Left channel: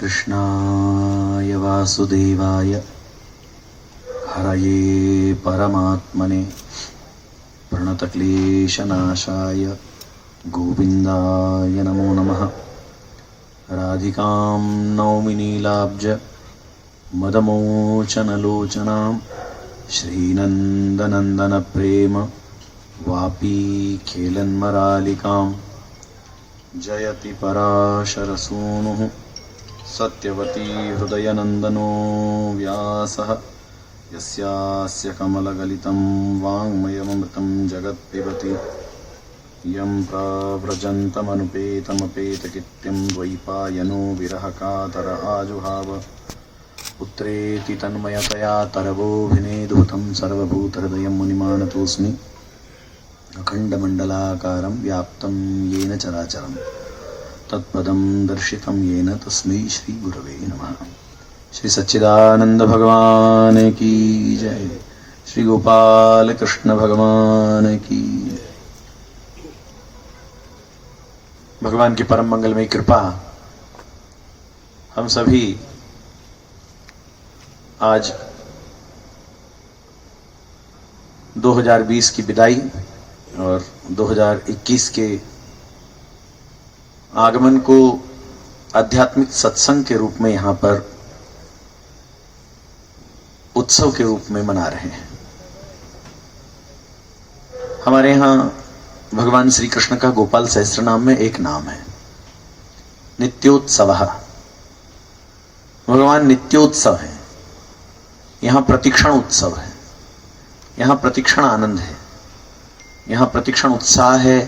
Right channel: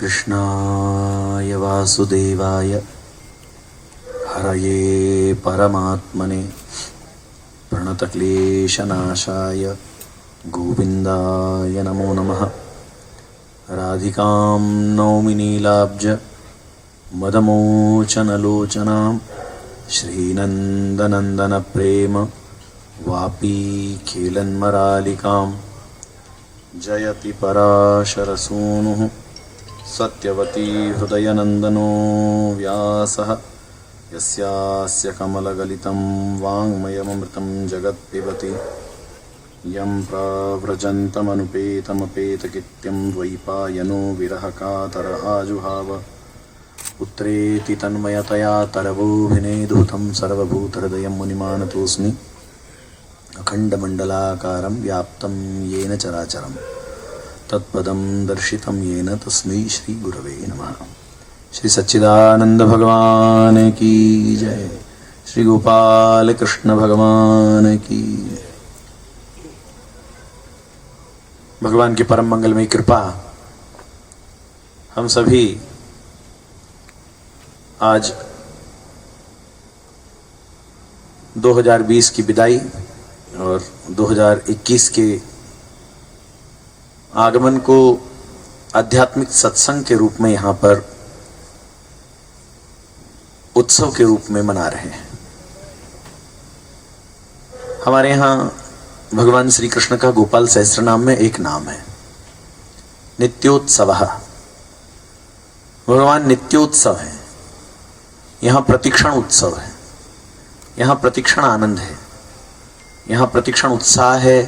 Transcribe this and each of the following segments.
कृष्णाय वासुदेवाय हरये परमात्मने प्रणतक्लेशनाशाय गोविन्दाय नमो नमः। राधिकां नौमि नीलाब्ज मदमोचनलोचनां श्रीनन्दनन्दनप्रेम वापी खेलन्मरालिकां जयति पराशरसूनुः सत्यवती हृदयनन्दनो व्यासः यस्यास्य कमलगलितं वाङ्मयममृतं जगत्पिबति यं प्राव्रजन्तमनुपेतमपेतकृत्यं द्वैपायनो विरहकातर आजुहाव पुत्रेति तन्मयतया तरवोऽभिनेदुतं सर्वभूतहृदयं मुनिमानतोऽस्मि अखण्डमण्डलाकारं व्याप्तं येन चराचरं तत्पदं दर्शितं येन तस्मै श्रीगुरवे नमः। श्री सच्चिदानंद भगवान की जय। श्री गोपाल कृष्ण भगवान की। भगवान की परम मंगलमयी कृपा हम सभी आज 2020 की विदाई और 2021 के आगमन को आध्यात्मिक सत्संग के रूप में यहां पर उत्सव के रूप में मना रहे हैं। हमारे यहां भगवान श्री कृष्ण का गोपाल सहस्त्र नाम में एक नाम है नित्योत्सव। भगवान नित्योत्सव है। यहां प्रतिक्षण उत्सव है, यहां प्रतिक्षण आनंद है, यहां प्रतिक्षण उत्साह है,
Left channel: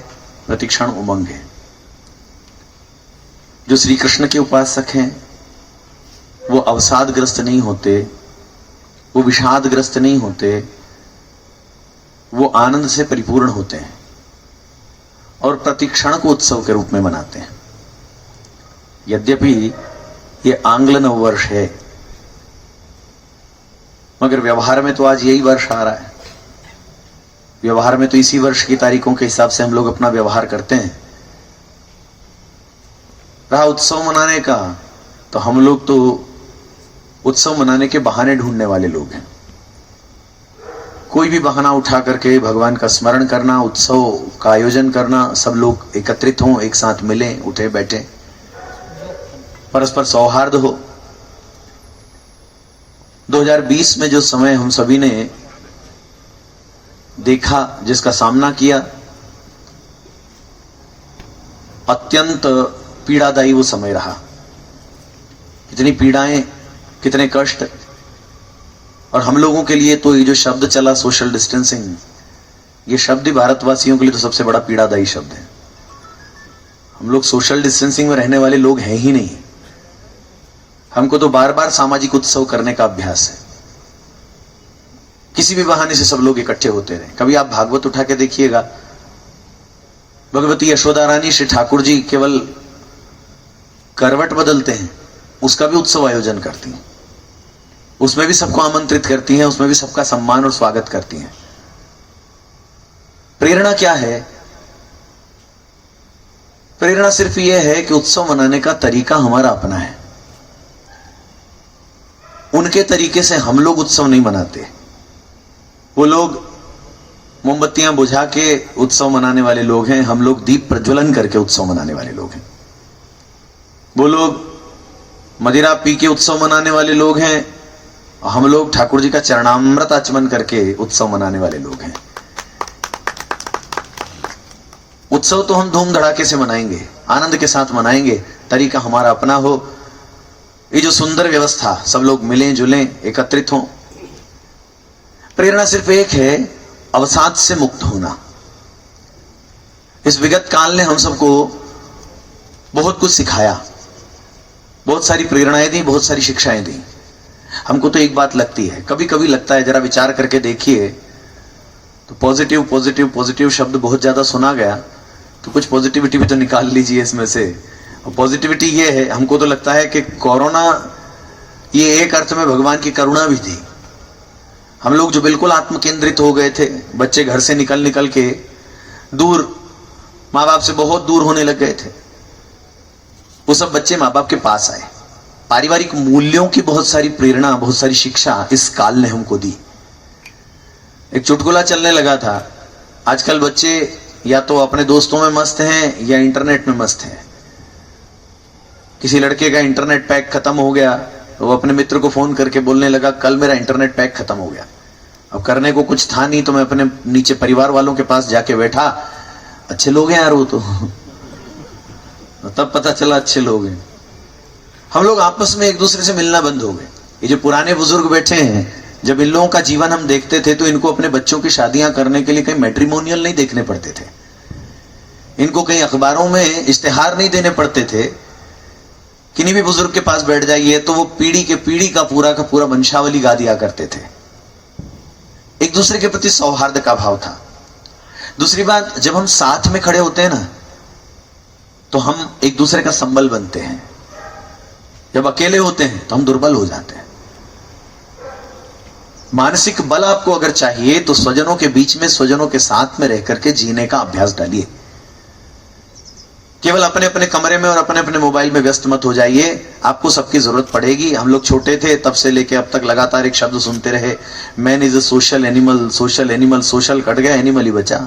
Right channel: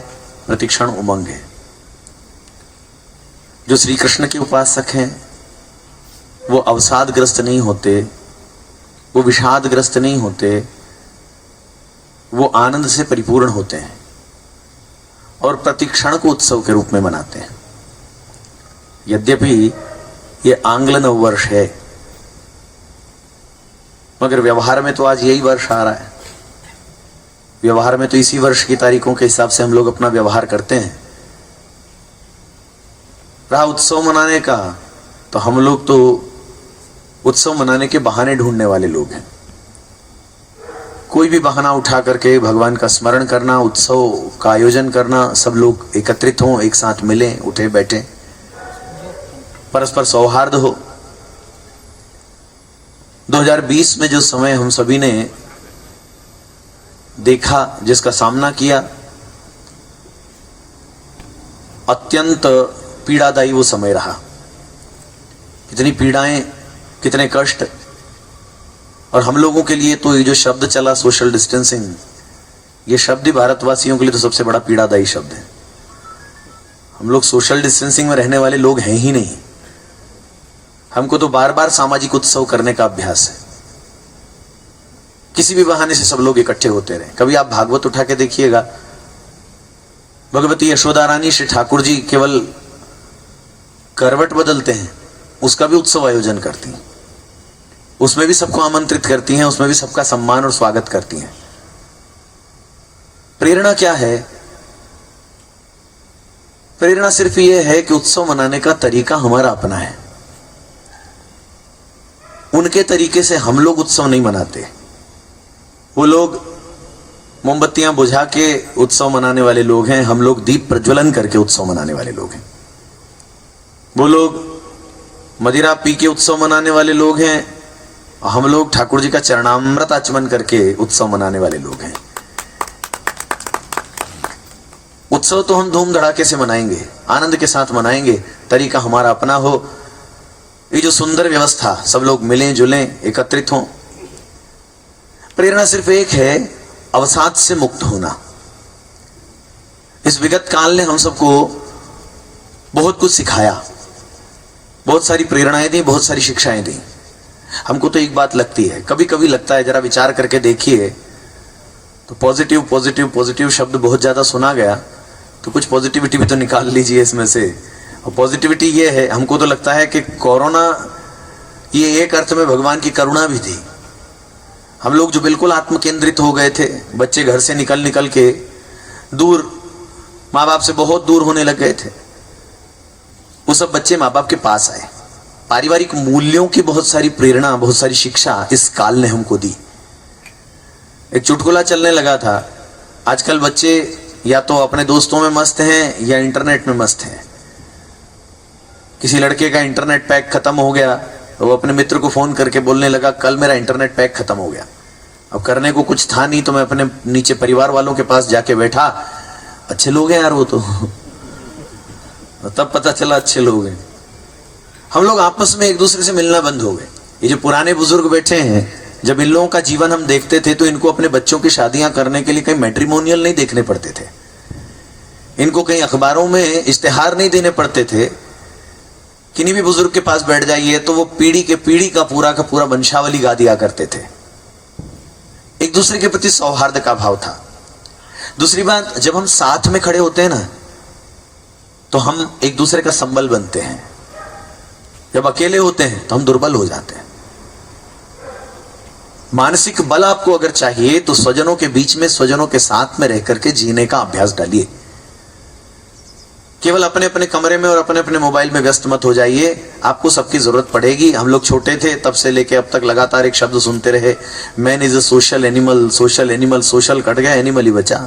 प्रतिक्षण उमंग है। जो श्री कृष्ण के उपासक हैं वो अवसादग्रस्त नहीं होते, वो विषादग्रस्त नहीं होते, वो आनंद से परिपूर्ण होते हैं और प्रतिक्षण को उत्सव के रूप में मनाते हैं। यद्यपि ये आंग्ल नववर्ष है मगर व्यवहार में तो आज यही वर्ष आ रहा है। व्यवहार में तो इसी वर्ष की तारीखों के हिसाब से हम लोग अपना व्यवहार करते हैं। रहा उत्सव मनाने का तो हम लोग तो उत्सव मनाने के बहाने ढूंढने वाले लोग हैं। कोई भी बहाना उठा करके भगवान का स्मरण करना, उत्सव का आयोजन करना, सब लोग एकत्रित हों, एक साथ मिलें, उठे बैठे, परस्पर सौहार्द हो। 2020 में जो समय हम सभी ने देखा, जिसका सामना किया, अत्यंत पीड़ादायी वो समय रहा। कितनी पीड़ाएं, कितने कष्ट। और हम लोगों के लिए तो ये जो शब्द चला सोशल डिस्टेंसिंग, ये शब्द ही भारतवासियों के लिए तो सबसे बड़ा पीड़ादायी शब्द है। हम लोग सोशल डिस्टेंसिंग में रहने वाले लोग हैं ही नहीं। हमको तो बार बार सामाजिक उत्सव करने का अभ्यास है। किसी भी बहाने से सब लोग इकट्ठे होते रहे। कभी आप भागवत उठा के देखिएगा, भगवती यशोदा रानी श्री ठाकुर जी केवल करवट बदलते हैं, उसका भी उत्सव आयोजन करती हैं। उसमें भी सबको आमंत्रित करती हैं, उसमें भी सबका सम्मान और स्वागत करती हैं। प्रेरणा क्या है? प्रेरणा सिर्फ यह है कि उत्सव मनाने का तरीका हमारा अपना है। उनके तरीके से हम लोग उत्सव नहीं मनाते। वो लोग मोमबत्तियां बुझा के उत्सव मनाने वाले लोग हैं, हम लोग दीप प्रज्वलन करके उत्सव मनाने वाले लोग हैं। वो लोग मदिरा पी के उत्सव मनाने वाले लोग हैं, हम लोग ठाकुर जी का चरणामृत आचमन करके उत्सव मनाने वाले लोग हैं। उत्सव तो हम धूम धड़ाके से मनाएंगे, आनंद के साथ मनाएंगे, तरीका हमारा अपना हो। ये जो सुंदर व्यवस्था, सब लोग मिलें जुलें, एकत्रित हों। प्रेरणा सिर्फ एक है, अवसाद से मुक्त होना। इस विगत काल ने हम सबको बहुत कुछ सिखाया, बहुत सारी प्रेरणाएं दी, बहुत सारी शिक्षाएं दी। हमको तो एक बात लगती है, कभी कभी लगता है, जरा विचार करके देखिए तो पॉजिटिव पॉजिटिव पॉजिटिव शब्द बहुत ज्यादा सुना गया, तो कुछ पॉजिटिविटी भी तो निकाल लीजिए इसमें से। और पॉजिटिविटी ये है, हमको तो लगता है कि कोरोना ये एक अर्थ में भगवान की करुणा भी थी। हम लोग जो बिल्कुल आत्म केंद्रित हो गए थे, बच्चे घर से निकल निकल के दूर, माँ बाप से बहुत दूर होने लग गए थे, वो सब बच्चे माँ बाप के पास आए, पारिवारिक मूल्यों की बहुत सारी प्रेरणा, बहुत सारी शिक्षा इस काल ने हमको दी। एक चुटकुला चलने लगा था, आजकल बच्चे या तो अपने दोस्तों में मस्त हैं या इंटरनेट में मस्त हैं। किसी लड़के का इंटरनेट पैक खत्म हो गया तो वो अपने मित्र को फोन करके बोलने लगा, कल मेरा इंटरनेट पैक खत्म हो गया। अब करने को कुछ था नहीं तो मैं अपने नीचे परिवार वालों के पास जाके बैठा, अच्छे लोग हैं यार वो तो तब पता चला अच्छे लोग हैं। हम लोग आपस में एक दूसरे से मिलना बंद हो गए। ये जो पुराने बुजुर्ग बैठे हैं, जब इन लोगों का जीवन हम देखते थे तो इनको अपने बच्चों की शादियां करने के लिए कहीं मैट्रिमोनियल नहीं देखने पड़ते थे, इनको कहीं अखबारों में इश्तेहार नहीं देने पड़ते थे। किन्हीं भी बुजुर्ग के पास बैठ जाइए तो वो पीढ़ी के पीढ़ी का पूरा वंशावली गा दिया करते थे। एक दूसरे के प्रति सौहार्द का भाव था। दूसरी बात, जब हम साथ में खड़े होते हैं ना तो हम एक दूसरे का संबल बनते हैं। जब अकेले होते हैं तो हम दुर्बल हो जाते हैं। मानसिक बल आपको अगर चाहिए तो स्वजनों के बीच में, स्वजनों के साथ में रह करके जीने का अभ्यास डालिए। केवल अपने अपने कमरे में और अपने अपने मोबाइल में व्यस्त मत हो जाइए। आपको सबकी जरूरत पड़ेगी। हम लोग छोटे थे तब से लेके अब तक लगातार एक शब्द सुनते रहे, man is a social animal. Social animal, social cut गया, एनिमल ही बचा।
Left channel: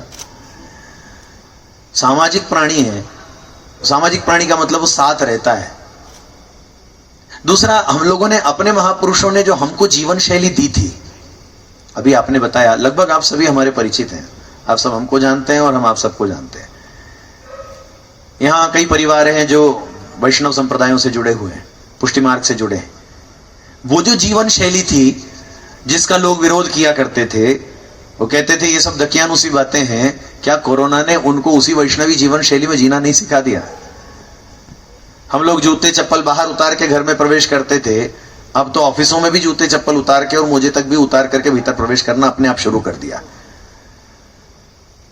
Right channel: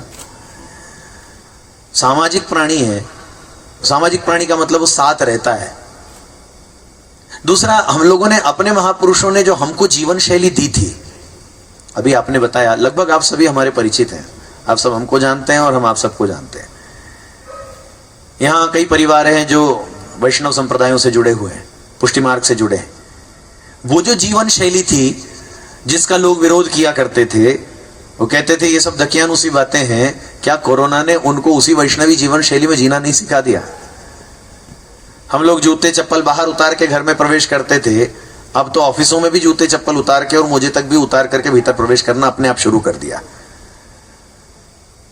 सामाजिक प्राणी है। सामाजिक प्राणी का मतलब वो साथ रहता है। दूसरा, हम लोगों ने, अपने महापुरुषों ने जो हमको जीवन शैली दी थी, अभी आपने बताया, लगभग आप सभी हमारे परिचित हैं। आप सब हमको जानते हैं और हम आप सबको जानते हैं। यहां कई परिवार हैं जो वैष्णव संप्रदायों से जुड़े हुए हैं, पुष्टि मार्ग से जुड़े हैं। वो जो जीवन शैली थी जिसका लोग विरोध किया करते थे, वो कहते थे ये सब दकियानुसी बातें हैं, क्या कोरोना ने उनको उसी वैष्णवी जीवन शैली में जीना नहीं सिखा दिया? हम लोग जूते चप्पल बाहर उतार के घर में प्रवेश करते थे, अब तो ऑफिसों में भी जूते चप्पल उतार के और मोजे तक भी उतार करके भीतर प्रवेश करना अपने आप शुरू कर दिया।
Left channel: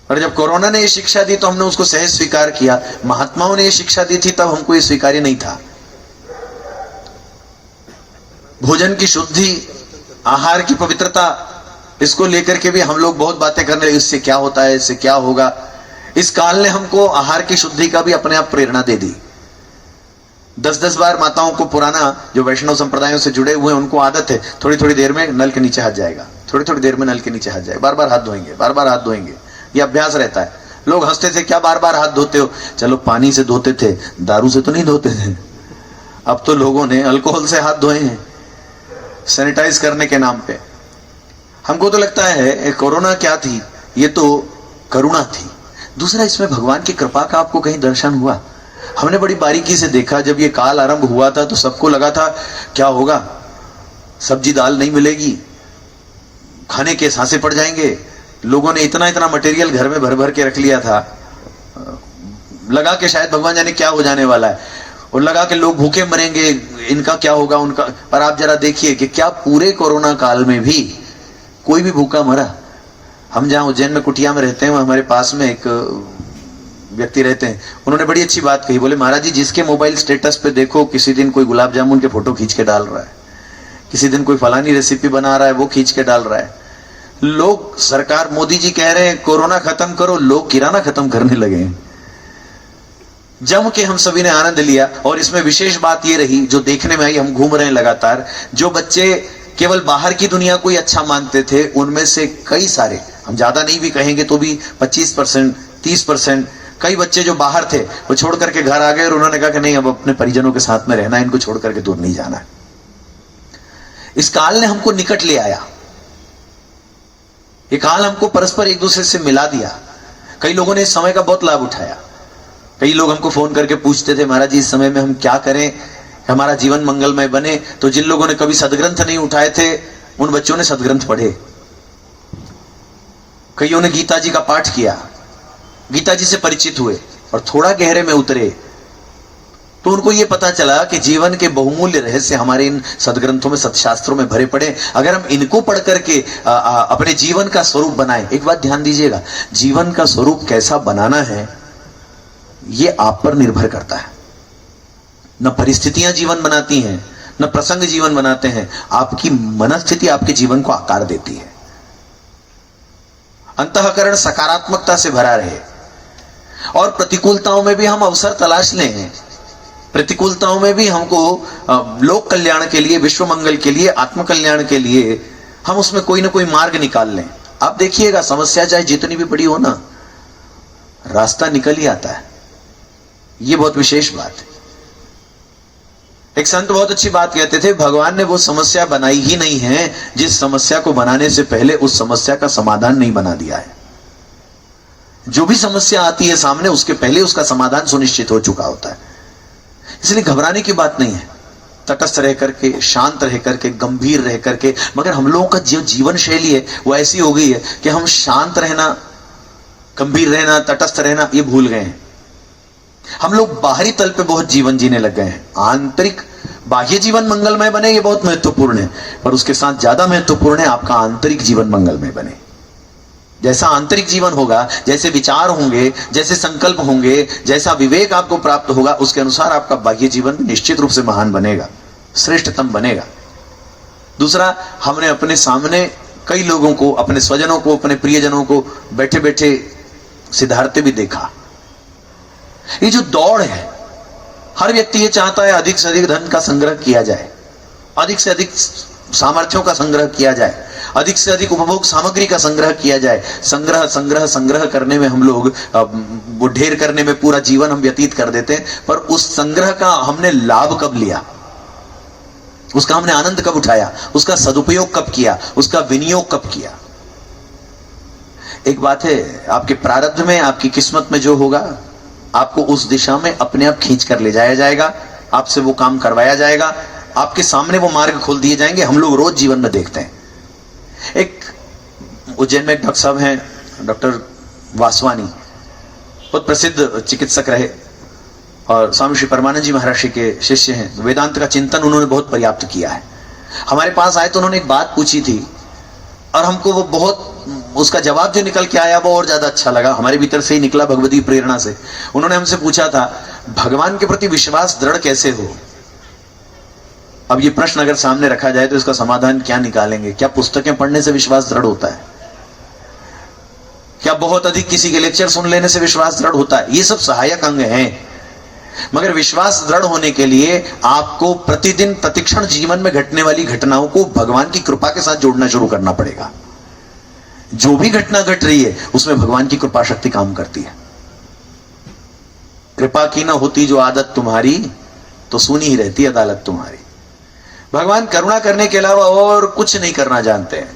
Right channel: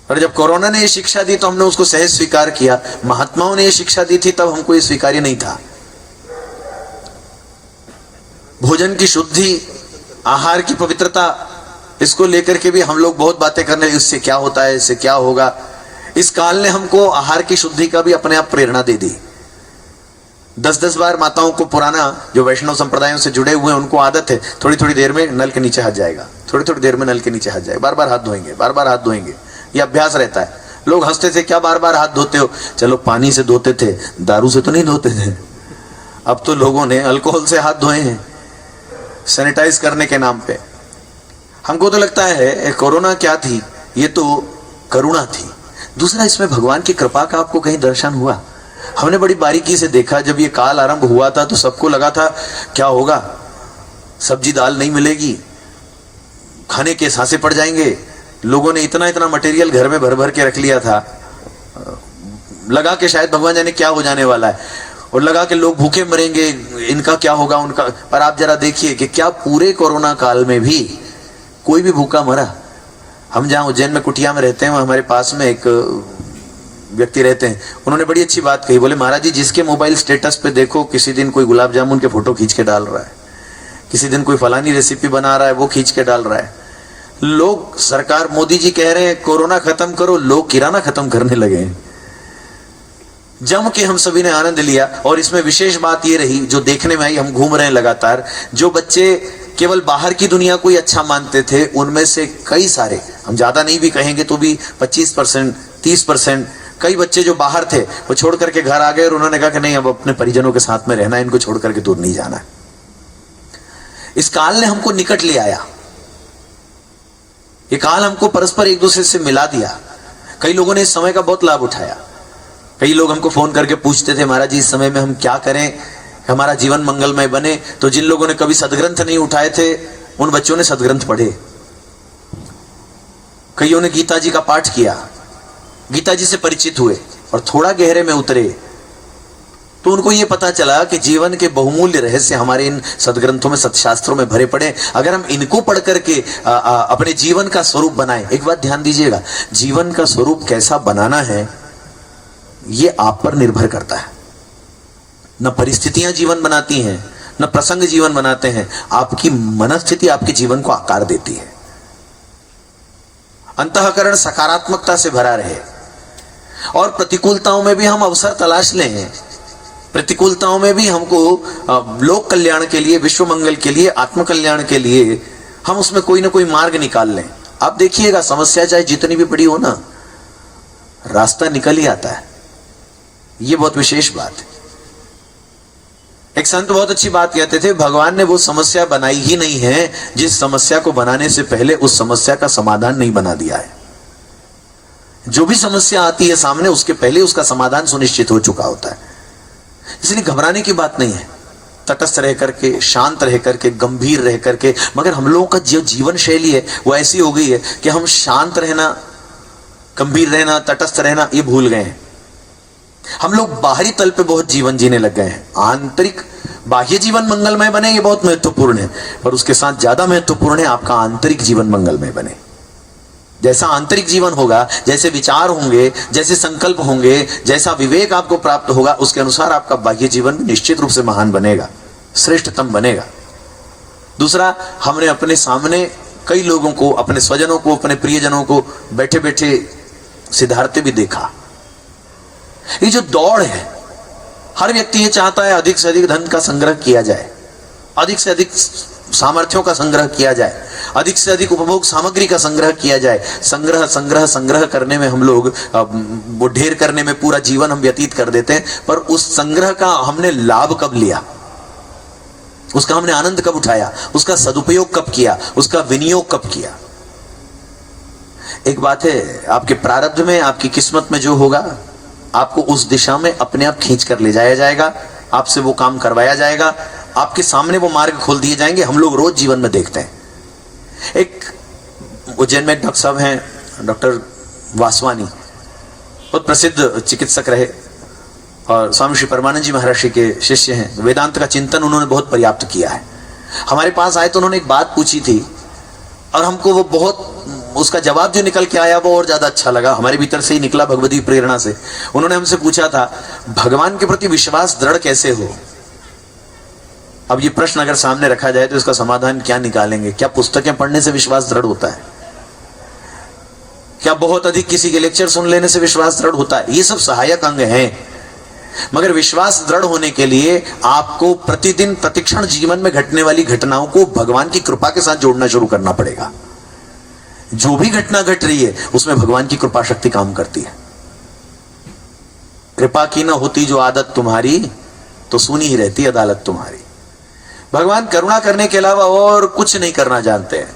और जब कोरोना ने ये शिक्षा दी तो हमने उसको सहज स्वीकार किया। महात्माओं ने ये शिक्षा दी थी तब हमको ये स्वीकार्य नहीं था। भोजन की शुद्धि, आहार की पवित्रता, इसको लेकर के भी हम लोग बहुत बातें करने लगे, इससे क्या होता है, इससे क्या होगा। इस काल ने हमको आहार की शुद्धि का भी अपने आप प्रेरणा दे दी। 10-10 बार माताओं को, पुराना जो वैष्णव संप्रदायों से जुड़े हुए हैं, उनको आदत है थोड़ी थोड़ी देर में नल के नीचे हाथ जाएगा, थोड़ी थोड़ी देर में नल के नीचे हाथ जाएगा, बार बार हाथ धोएंगे, बार बार हाथ धोएंगे। ये अभ्यास रहता है। लोग हंसते थे, क्या बार बार हाथ धोते हो? चलो पानी से धोते थे, दारू से तो नहीं धोते थे। अब तो लोगों ने अल्कोहल से हाथ धोए हैं सैनिटाइज करने के नाम पे। हमको तो लगता है कोरोना क्या थी, ये तो करुणा थी। दूसरा, इसमें भगवान की कृपा का आपको कहीं दर्शन हुआ? हमने बड़ी बारीकी से देखा, जब ये काल आरंभ हुआ था तो सबको लगा था क्या होगा, सब्जी दाल नहीं मिलेगी, खाने के सांसे पड़ जाएंगे। लोगों ने इतना इतना मटेरियल घर में भर भर के रख लिया था, लगा के शायद भगवान जाने क्या हो जाने वाला है, और लगा के लोग भूखे मरेंगे, इनका क्या होगा, उनका। पर आप जरा देखिए कि क्या पूरे कोरोना काल में भी कोई भी भूखा मरा? हम जहां उज्जैन में कुटिया में रहते हैं, हमारे पास में एक व्यक्ति रहते हैं, उन्होंने बड़ी अच्छी बात कही। बोले, महाराज जी, जिसके मोबाइल स्टेटस पे देखो, किसी दिन कोई गुलाब जामुन के फोटो खींच के डाल रहा है, किसी दिन कोई फलानी रेसिपी बना रहा है, वो खींच के डाल रहा है। लोग, सरकार मोदी जी कह रहे हैं कोरोना खत्म करो, लोग किराना खत्म करने लगे हैं। जम के हम सभी ने आनंद लिया। और इसमें विशेष बात ये रही, जो देखने में आई, हम घूम रहे हैं लगातार, जो बच्चे केवल बाहर की दुनिया को ही अच्छा मानते थे, उनमें से कई सारे, हम ज्यादा नहीं भी कहेंगे तो भी 25%, 30%, कई बच्चे जो बाहर थे वो छोड़ करके घर आ गए और उन्होंने कहा कि नहीं, अब अपने परिजनों के साथ में रहना है, इनको छोड़ करके दूर नहीं जाना। इस काल ने हमको निकट ले आया। ये काल हमको परस्पर एक दूसरे से मिला दिया। कई लोगों ने इस समय का बहुत लाभ उठाया। कई लोग हमको फोन करके पूछते थे, महाराज जी, इस समय में हम क्या करें, हमारा जीवन मंगलमय बने। तो जिन लोगों ने कभी सदग्रंथ नहीं उठाए थे, उन बच्चों ने सदग्रंथ पढ़े। कईयों ने गीता जी का पाठ किया, गीता जी से परिचित हुए और थोड़ा गहरे में उतरे तो उनको यह पता चला कि जीवन के बहुमूल्य रहस्य हमारे इन सदग्रंथों में, सत्शास्त्रों में भरे पड़े। अगर हम इनको पढ़ करके अपने जीवन का स्वरूप बनाएं। एक बात ध्यान दीजिएगा, जीवन का स्वरूप कैसा बनाना है ये आप पर निर्भर करता है। न परिस्थितियां जीवन बनाती हैं, न प्रसंग जीवन बनाते हैं। आपकी मनस्थिति आपके जीवन को आकार देती है। अंतःकरण सकारात्मकता से भरा रहे और प्रतिकूलताओं में भी हम अवसर तलाश लें प्रतिकूलताओं में भी हमको लोक कल्याण के लिए, विश्व मंगल के लिए, आत्म कल्याण के लिए हम उसमें कोई ना कोई मार्ग निकाल लें। आप देखिएगा, समस्या चाहे जितनी भी बड़ी हो ना, रास्ता निकल ही आता है। यह बहुत विशेष बात है। एक संत बहुत अच्छी बात कहते थे, भगवान ने वो समस्या बनाई ही नहीं है जिस समस्या को बनाने से पहले उस समस्या का समाधान नहीं बना दिया है। जो भी समस्या आती है सामने, उसके पहले उसका समाधान सुनिश्चित हो चुका होता है। इसलिए घबराने की बात नहीं है। तटस्थ रह करके, शांत रह करके, गंभीर रह करके, मगर हम लोगों का जो जीवन शैली है वो ऐसी हो गई है कि हम शांत रहना, गंभीर रहना, तटस्थ रहना ये भूल गए हैं। हम लोग बाहरी तल पे बहुत जीवन जीने लग गए हैं। आंतरिक, बाह्य जीवन मंगलमय बने ये बहुत महत्वपूर्ण है, पर उसके साथ ज्यादा महत्वपूर्ण है आपका आंतरिक जीवन मंगलमय बने। जैसा आंतरिक जीवन होगा, जैसे विचार होंगे, जैसे संकल्प होंगे, जैसा विवेक आपको प्राप्त होगा, उसके अनुसार आपका बाह्य जीवन निश्चित रूप से महान बनेगा, श्रेष्ठतम बनेगा। दूसरा, हमने अपने सामने कई लोगों को, अपने स्वजनों को, अपने प्रियजनों को बैठे बैठे सिधारते भी देखा। ये जो दौड़ है, हर व्यक्ति ये चाहता है अधिक से अधिक धन का संग्रह किया जाए, अधिक से अधिक सामर्थ्यों का संग्रह किया जाए, अधिक से अधिक उपभोग सामग्री का संग्रह किया जाए। संग्रह संग्रह संग्रह करने में हम लोग, वो ढेर करने में पूरा जीवन हम व्यतीत कर देते हैं, पर उस संग्रह का हमने लाभ कब लिया, उसका हमने आनंद कब उठाया, उसका सदुपयोग कब किया, उसका विनियोग कब किया। एक बात है, आपके प्रारब्ध में, आपकी किस्मत में जो होगा, आपको उस दिशा में अपने आप खींच कर ले जाया जाएगा, आपसे वो काम करवाया जाएगा, आपके सामने वो मार्ग खोल दिए जाएंगे। हम लोग रोज जीवन में देखते हैं। एक उज्जैन में डॉक्टर साहब हैं, डॉक्टर वासवानी, बहुत प्रसिद्ध चिकित्सक रहे और स्वामी श्री परमानंद जी महर्षि के शिष्य हैं। वेदांत का चिंतन उन्होंने बहुत पर्याप्त किया है। हमारे पास आए तो उन्होंने एक बात पूछी थी और हमको वो बहुत, उसका जवाब जो निकल के आया वो और ज्यादा अच्छा लगा, हमारे भीतर से ही निकला भगवती प्रेरणा से। उन्होंने हमसे पूछा था, भगवान के प्रति विश्वास दृढ़ कैसे हो। अब ये प्रश्न अगर सामने रखा जाए तो इसका समाधान क्या निकालेंगे? क्या पुस्तकें पढ़ने से विश्वास दृढ़ होता है? क्या बहुत अधिक किसी के लेक्चर सुन लेने से विश्वास दृढ़ होता है? ये सब सहायक अंग हैं, मगर विश्वास दृढ़ होने के लिए आपको प्रतिदिन प्रतिक्षण जीवन में घटने वाली घटनाओं को भगवान की कृपा के साथ जोड़ना शुरू करना पड़ेगा। जो भी घटना घट रही है उसमें भगवान की कृपा शक्ति काम करती है। कृपा की ना होती जो आदत तुम्हारी, तो सुनी ही रहती अदालत तुम्हारी। भगवान करुणा करने के अलावा और कुछ नहीं करना जानते हैं।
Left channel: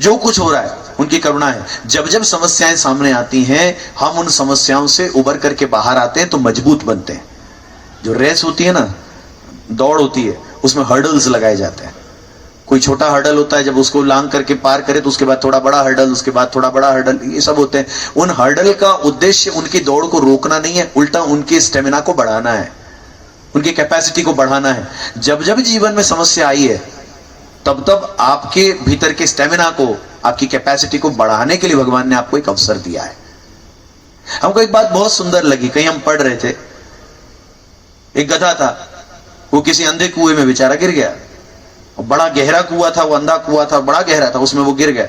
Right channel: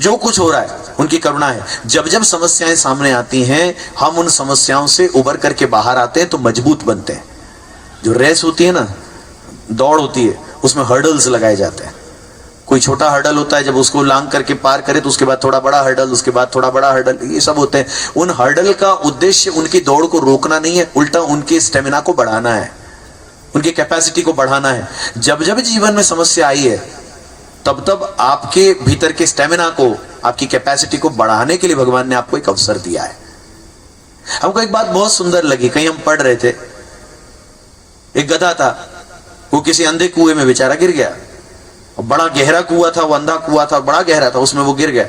जो कुछ हो रहा है उनकी करुणा है। जब जब समस्याएं सामने आती हैं, हम उन समस्याओं से उबर करके बाहर आते हैं तो मजबूत बनते हैं। जो रेस होती है ना, दौड़ होती है, उसमें हर्डल्स लगाए जाते हैं। कोई छोटा हर्डल होता है, जब उसको लांग करके पार करे तो उसके बाद थोड़ा बड़ा हर्डल, उसके बाद थोड़ा बड़ा हर्डल, ये सब होते हैं। उन हर्डल का उद्देश्य उनकी दौड़ को रोकना नहीं है, उल्टा उनके स्टेमिना को बढ़ाना है, उनकी कैपेसिटी को बढ़ाना है। जब जब जीवन में समस्या आई है, तब तब आपके भीतर के स्टेमिना को, आपकी कैपेसिटी को बढ़ाने के लिए भगवान ने आपको एक अवसर दिया है। हमको एक बात बहुत सुंदर लगी, कहीं हम पढ़ रहे थे, एक गधा था, वो किसी अंधे कुएं में बेचारा गिर गया। बड़ा गहरा कुआं था, वो अंधा कुआं था, बड़ा गहरा था, उसमें वो गिर गया।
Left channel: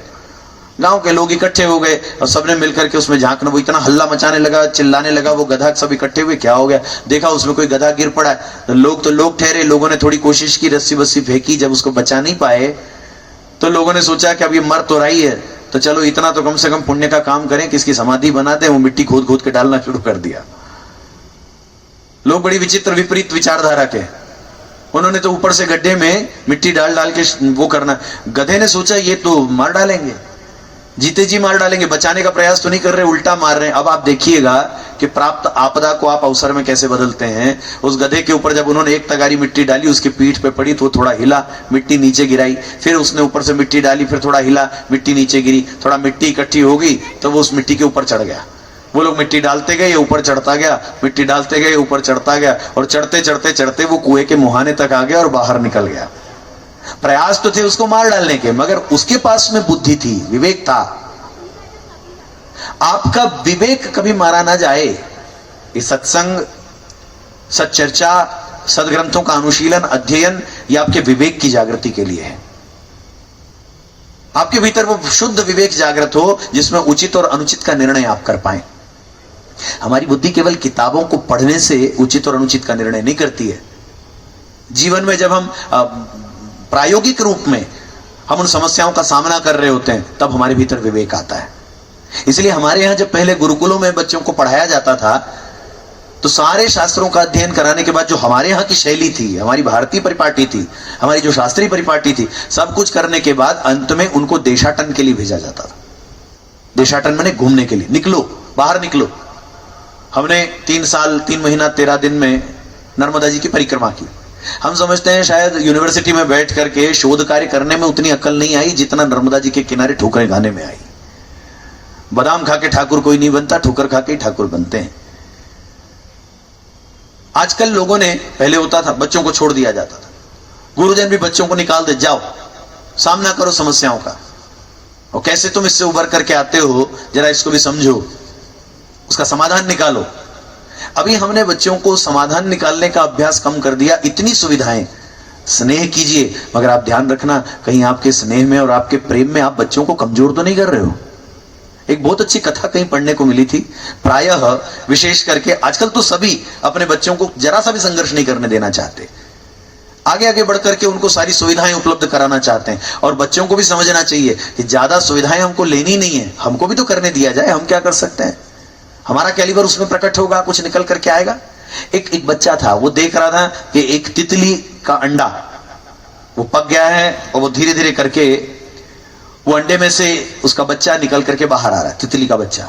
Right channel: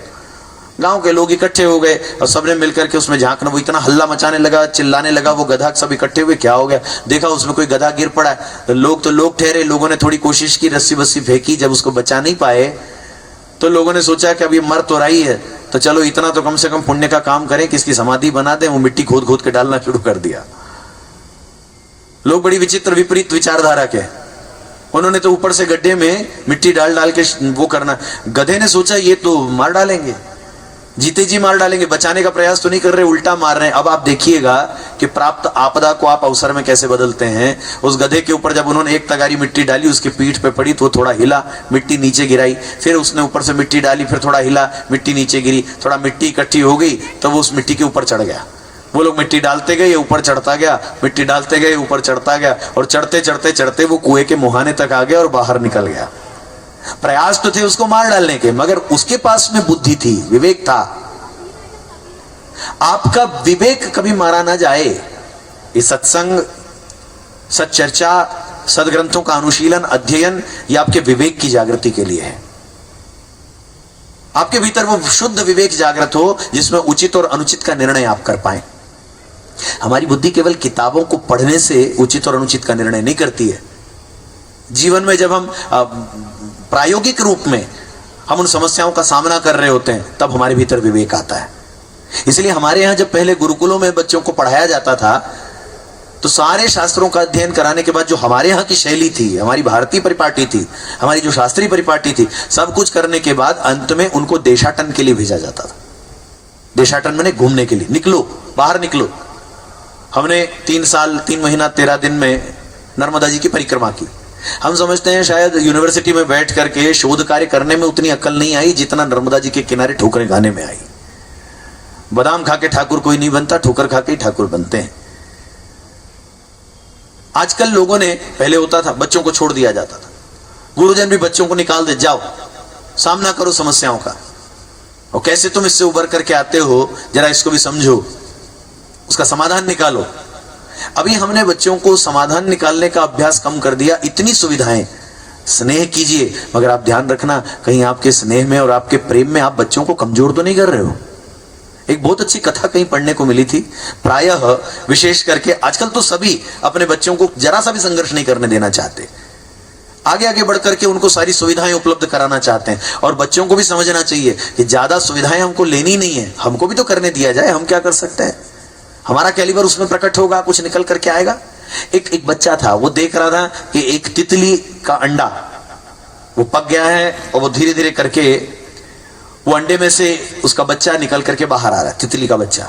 गांव के लोग इकट्ठे हो गए और सबने मिलकर के उसमें झांकना, वो इतना हल्ला मचाने लगा, चिल्लाने लगा, वो गधा, सब इकट्ठे हुए, क्या हो गया? देखा उसमें कोई गधा गिर पड़ा है। तो लोग ठहरे, लोगों ने थोड़ी कोशिश की, रस्सी बस्सी फेंकी, जब उसको बचा नहीं पाए तो लोगों ने सोचा कि अब ये मर तो रही है, तो चलो इतना तो कम से कम पुण्य का काम करें कि इसकी समाधि बना दें। वो मिट्टी खोद खोद के डालना शुरू कर दिया। लोग बड़ी विचित्र विपरीत विचारधारा के, उन्होंने तो ऊपर से गड्ढे में मिट्टी डाल डाल के वो करना। गधे ने सोचा ये तो मार डालेंगे, जीते जी मार डालेंगे, बचाने का प्रयास तो नहीं कर रहे, उल्टा मार रहे हैं। अब आप देखिएगा कि प्राप्त आपदा को आप अवसर में कैसे बदलते हैं। उस गधे के ऊपर जब उन्होंने एक तगारी मिट्टी डाली, उसकी पीठ पे पड़ी तो थोड़ा हिला, मिट्टी नीचे गिराई, फिर उसने ऊपर से मिट्टी डाली, फिर थोड़ा हिला, मिट्टी नीचे गिरी, थोड़ा मिट्टी इकट्ठी हो गई तो वो उस मिट्टी के ऊपर चढ़ गया। वो लोग मिट्टी डालते गए, ऊपर चढ़ता गया, मिट्टी डालते गए, ऊपर चढ़ता गया, और चढ़ते चढ़ते चढ़ते वो कुएं के मुहाने तक आ गया और बाहर निकल गया। प्रयास तो थे उसको मार डालने के, मगर उसके पास में बुद्धि थी, विवेक था। आपका विवेक कभी मारा ना जाए। ये सत्संग, सच्चर्चा, सदग्रंथों का अनुशीलन, अध्ययन, ये आपके विवेक की जागृति के लिए है। आपके भीतर वो शुद्ध विवेक जागृत हो जिसमें उचित और अनुचित का निर्णय आप कर पाए। हमारी बुद्धि केवल किताबों को पढ़ने से उचित और अनुचित का निर्णय नहीं करती है। जीवन में जब हम प्रायोगिक रूप में हम उन समस्याओं का सामना कर रहे होते हैं, तब हमारे भीतर विवेक आता है। इसलिए हमारे यहां जब पहले गुरुकुलों में बच्चों को पढ़ाया जाता था, तो सारे शास्त्रों का अध्ययन कराने के बाद जो हमारे यहाँ की शैली थी, हमारी भारतीय परिपाटी थी, हमारी जो शास्त्रीय परिपाटी थी, सब कुछ करने के बाद अंत में उनको देशाटन के लिए भेजा जाता था। देशाटन माने घूमने के लिए, निकलो, बाहर निकलो। हमने 3 साल 3 महीना 13 दिन में नर्मदा जी की परिक्रमा की। हम समझते हैं शायद यूनिवर्सिटी में बैठ करके शोध कार्य करने में उतनी अक्ल नहीं आई जितना नर्मदा जी के किनारे ठोकरें खाने में आई। बादाम खा के ठाकुर कोई नहीं बनता, ठोकर खा के ठाकुर बनते हैं। आजकल लोगों ने, पहले होता था बच्चों को छोड़ दिया जाता था, गुरुजन भी बच्चों को निकाल दे, जाओ सामना करो समस्याओं का, और कैसे तुम इससे उबर करके आते हो जरा इसको भी समझो, उसका समाधान निकालो। अभी हमने बच्चों को समाधान निकालने का अभ्यास कम कर दिया। इतनी सुविधाएं, स्नेह कीजिए, मगर आप ध्यान रखना कहीं आपके स्नेह में और आपके प्रेम में आप बच्चों को कमजोर तो नहीं कर रहे हो। एक बहुत अच्छी कथा कहीं पढ़ने को मिली थी। प्रायः विशेष करके आजकल तो सभी अपने बच्चों को जरा सा भी संघर्ष नहीं करने देना चाहते, आगे आगे बढ़ करके उनको सारी सुविधाएं उपलब्ध कराना चाहते हैं। और बच्चों को भी समझना चाहिए कि ज्यादा सुविधाएं हमको लेनी नहीं है, हमको भी तो करने दिया जाए। हम क्या कर सकते हैं, हमारा कैलिबर उसमें प्रकट होगा, कुछ निकल करके आएगा। एक बच्चा था, वो देख रहा था कि एक तितली का अंडा वो पक गया है और वो धीरे धीरे करके वो अंडे में से उसका बच्चा निकल करके बाहर आ रहा है, तितली का बच्चा।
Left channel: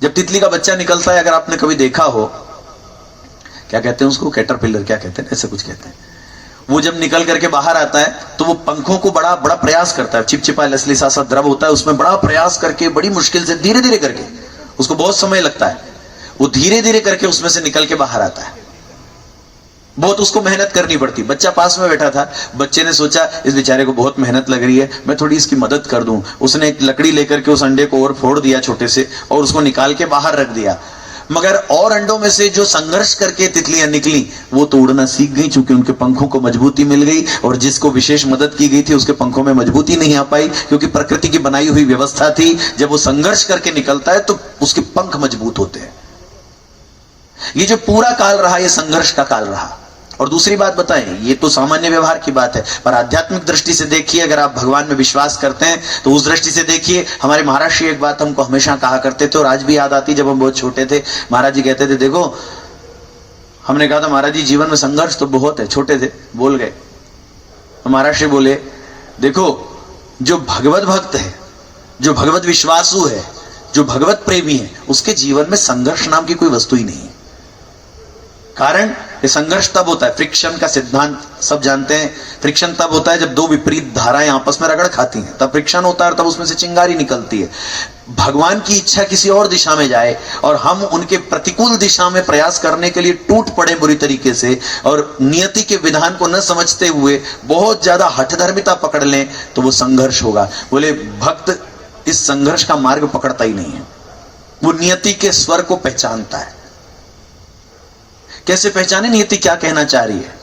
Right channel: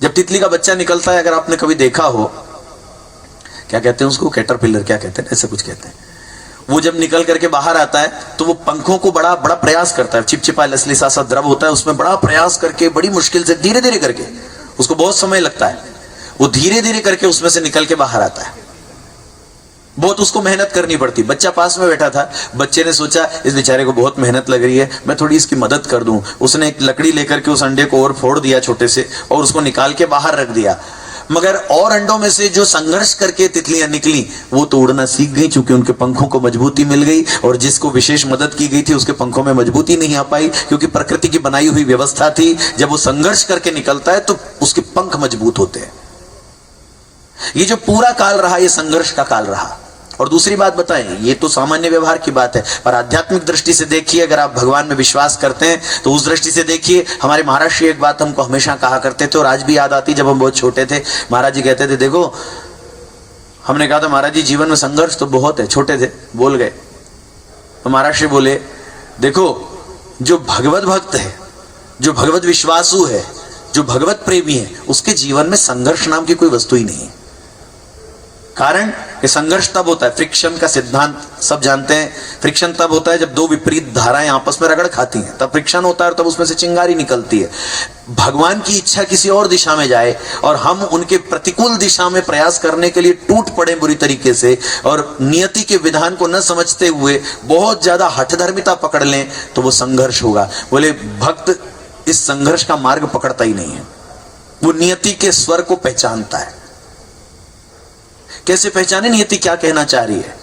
जब तितली का बच्चा निकलता है, अगर आपने कभी देखा हो, क्या कहते हैं उसको, कैटरपिलर क्या कहते हैं, ऐसे कुछ कहते हैं। वो जब निकल करके बाहर आता है तो वो पंखों को बड़ा बड़ा प्रयास करता है, चिपचिपा लसलीसा सा द्रव होता है, उसमें बड़ा प्रयास करके बड़ी मुश्किल से धीरे धीरे करके, उसको बहुत समय लगता है, वो धीरे धीरे करके उसमें से निकल के बाहर आता है। बहुत उसको मेहनत करनी पड़ती। बच्चा पास में बैठा था, बच्चे ने सोचा इस बेचारे को बहुत मेहनत लग रही है, मैं थोड़ी इसकी मदद कर दूं। उसने एक लकड़ी लेकर के उस अंडे को और फोड़ दिया छोटे से, और उसको निकाल के बाहर रख दिया। मगर और अंडों में से जो संघर्ष करके तितलियां निकली, वो तो उड़ना सीख गई, चूंकि उनके पंखों को मजबूती मिल गई। और जिसको विशेष मदद की गई थी उसके पंखों में मजबूती नहीं आ पाई, क्योंकि प्रकृति की बनाई हुई व्यवस्था थी, जब वो संघर्ष करके निकलता है तो उसके पंख मजबूत होते हैं। ये जो पूरा काल रहा, ये संघर्ष का काल रहा। और दूसरी बात बताएं, ये तो सामान्य व्यवहार की बात है, पर आध्यात्मिक दृष्टि से देखिए, अगर आप भगवान में विश्वास करते हैं तो उस दृष्टि से देखिए। हमारे महाराज श्री एक बात हमको हमेशा कहा करते थे, और आज भी याद आती, जब हम बहुत छोटे थे, महाराज जी कहते थे, देखो, हमने कहा था महाराज जी जीवन में संघर्ष तो बहुत है, छोटे थे बोल गए, तो महाराज श्री बोले, देखो जो भगवत भक्त है, जो भगवत विश्वासु है, जो भगवत प्रेमी है, उसके जीवन में संघर्ष नाम की कोई वस्तु ही नहीं है। कारण ये संघर्ष तब होता है, फ्रिक्शन का सिद्धांत सब जानते हैं, फ्रिक्शन तब होता है जब दो विपरीत धाराएं आपस में रगड़ खाती हैं, तब फ्रिक्शन होता है और तब उसमें से चिंगारी निकलती है। भगवान की इच्छा किसी और दिशा में जाए और हम उनके प्रतिकूल दिशा में प्रयास करने के लिए टूट पड़े बुरी तरीके से, और नियति के विधान को न समझते हुए बहुत ज्यादा हठधर्मिता पकड़ लें, तो वो संघर्ष होगा। बोले भक्त इस संघर्ष का मार्ग पकड़ता ही नहीं है, वो नियति के स्वर को पहचानता है। कैसे पहचाने नियति क्या कहना चाह रही है?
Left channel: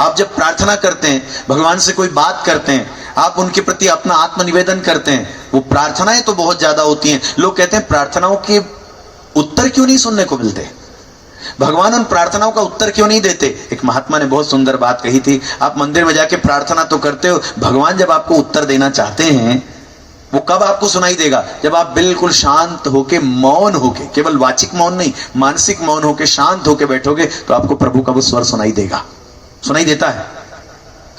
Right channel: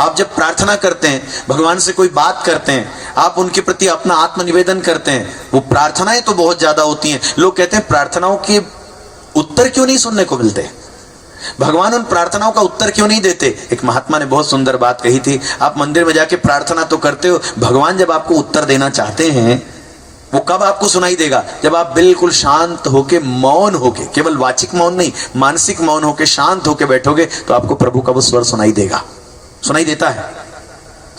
आप जब प्रार्थना करते हैं, भगवान से कोई बात करते हैं, आप उनके प्रति अपना आत्मनिवेदन करते हैं, वो प्रार्थनाएं तो बहुत ज्यादा होती हैं। लोग कहते हैं प्रार्थनाओं के उत्तर क्यों नहीं सुनने को मिलते, भगवान उन प्रार्थनाओं का उत्तर क्यों नहीं देते? एक महात्मा ने बहुत सुंदर बात कही थी, आप मंदिर में जाके प्रार्थना तो करते हो, भगवान जब आपको उत्तर देना चाहते हैं वो कब आपको सुनाई देगा? जब आप बिल्कुल शांत होके, मौन होके, केवल वाचिक मौन नहीं, मानसिक मौन होके, शांत होके बैठोगे, तो आपको प्रभु का वो स्वर सुनाई देगा, सुनाई देता है।